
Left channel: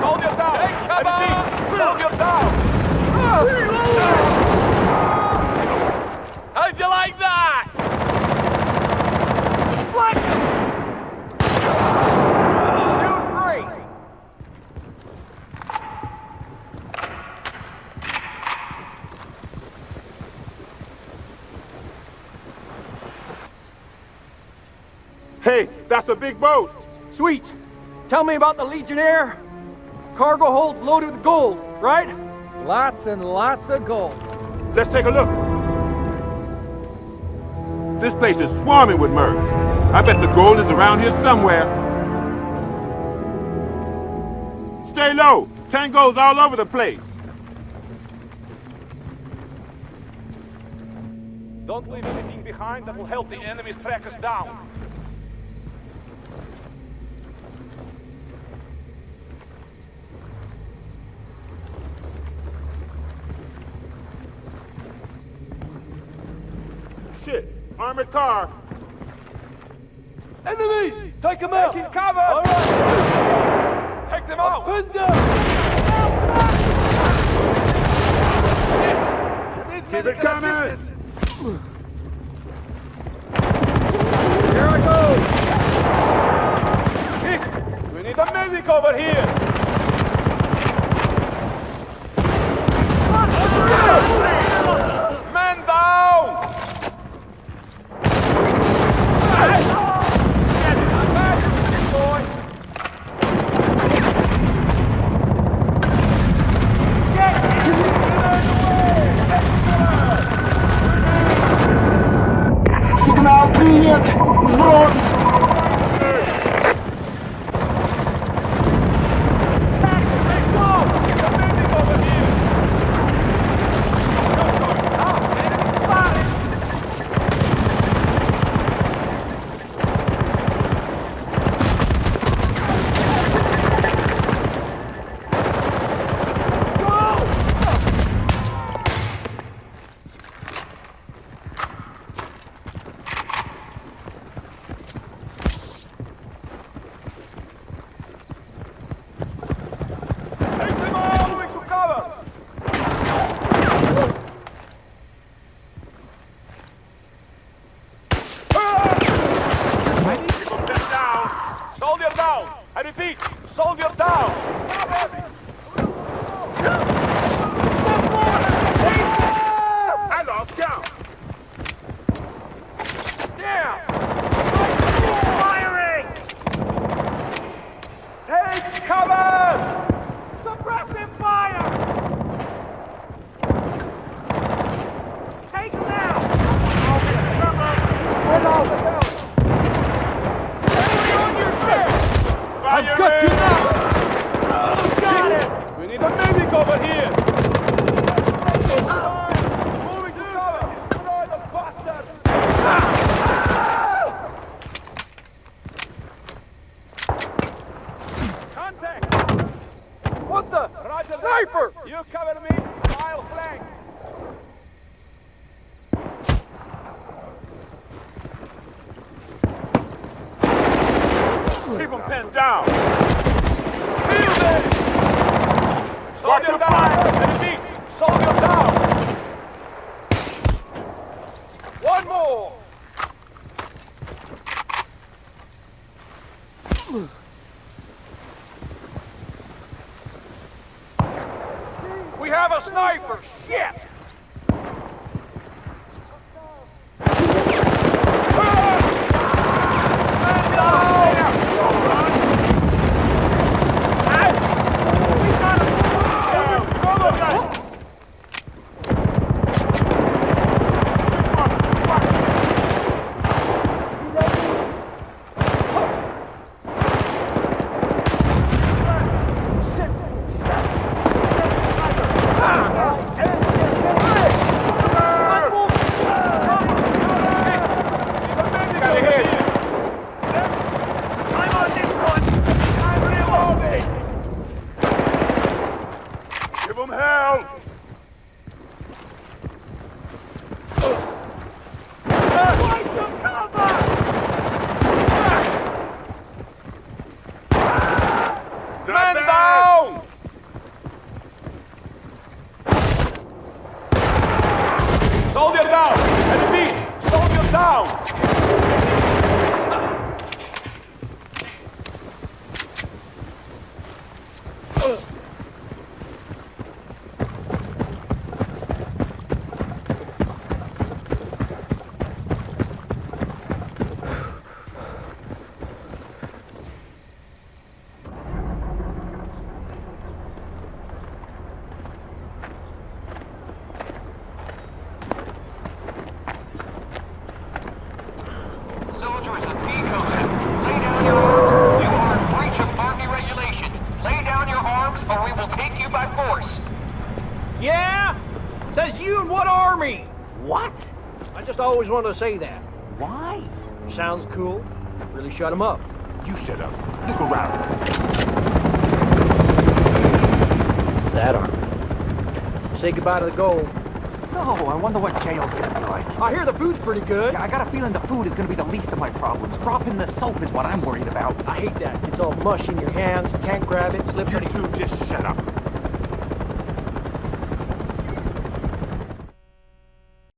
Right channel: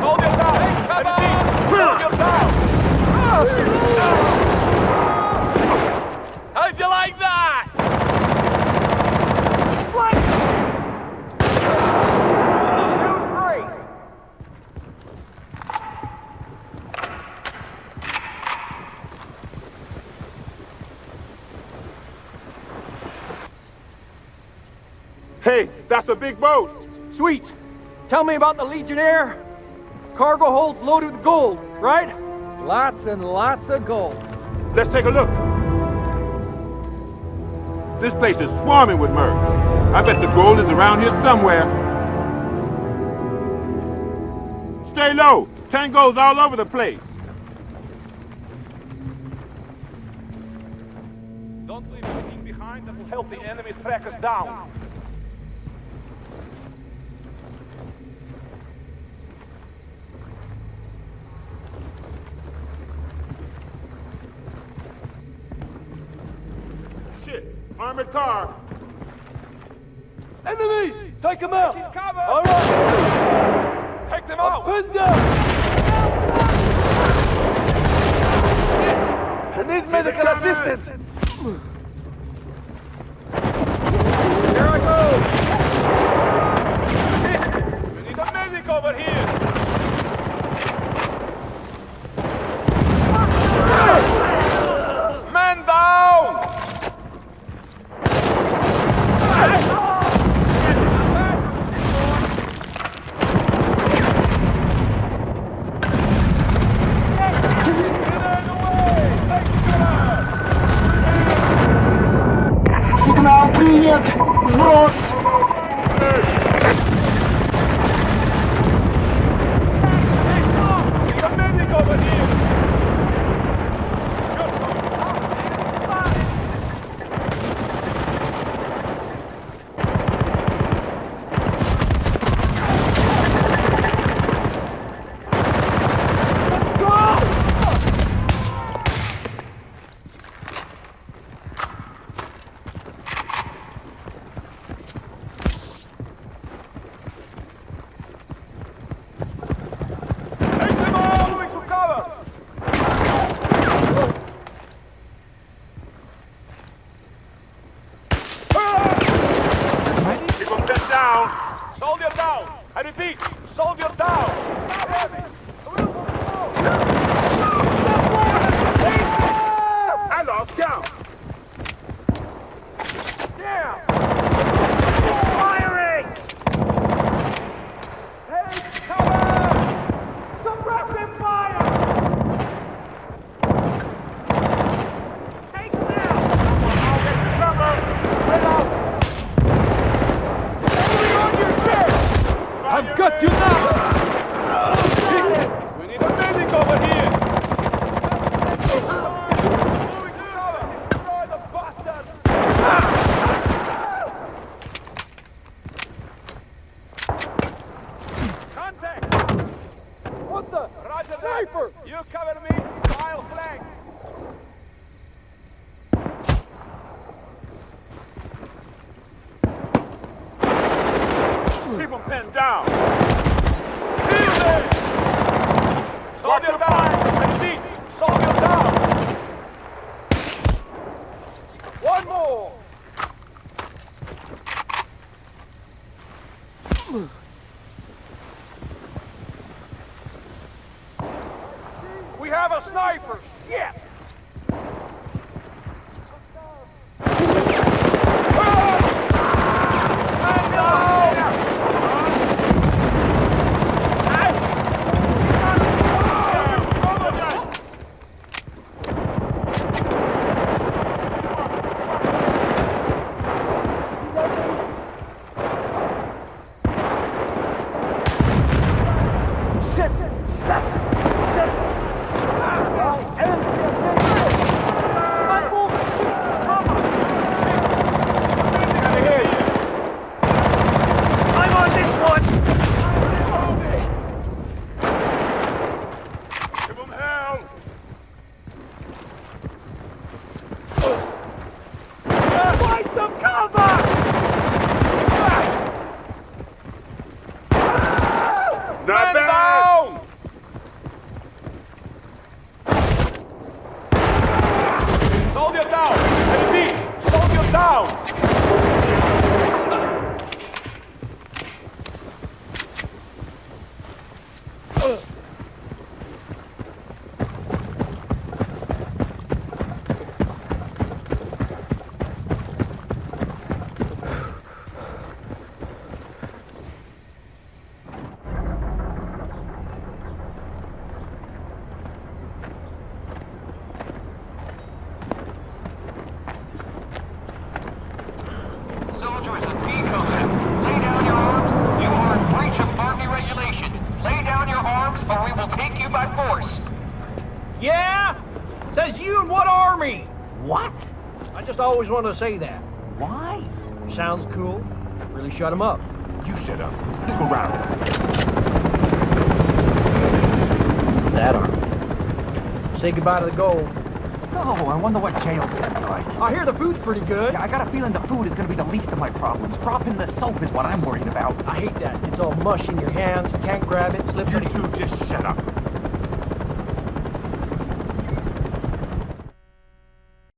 Soldier down! Take cover! Soldier down! How'd you like that? Hey, that's a big boat! Sweet. Tell me about the Legionnaire. Cargo holds loaded with gold, right? Lots and lots of gold. Let's take a look. This place is swarming with mercs. I bet the gold is around here somewhere. Stay low. Tangos all over the place. Don't leave anything behind that will help the enemies track us down. Shit. Armored car. Enemies! Take them out! Take cover! All right! Take them out! Window! I need medical coming! assistance! Here I go. Shit! We need a medic over here! Man down! Get it! Not bad, boy! Get it away! Take cover! Сигнал принят! Сброс! Take off! Need a medic over here! Just going down! Enemy spotted! I've got you now! We need a medic over here! Moving to cover! Destroy the bastard! Contact! What the? Roger, sniper! You cover me, I'll flank! Keep them pinned down. Kill them! Watch Soldier your down! flanks. I repeat, soldier down! One more! We have a sniper! Shit! Man down! We got him! I'm on this one! I'm reloading! Give them hell. Find some cover! Not Man bad. down! Soldier down! I repeat, soldier down! Soldiers of P-Coast, lay down your arms. You are in breach of Army regulations. Lay down your arms or we will take you by force. Yeah? Says you and what army? What? I just always wanted to say that. Why? Sounds cool. Really shut him up. You shut up. Look around. That army. Say goodbye to the gold. So, I wonder what jail's gonna be like. I hear the food's pretty good. Yeah, I got a feeling the food is gonna be the least of my problems. Dropping the soap is what I'm worried about. I hate that. It's all mush in your hands. You can't grab it. Slips You on your... two just shut up.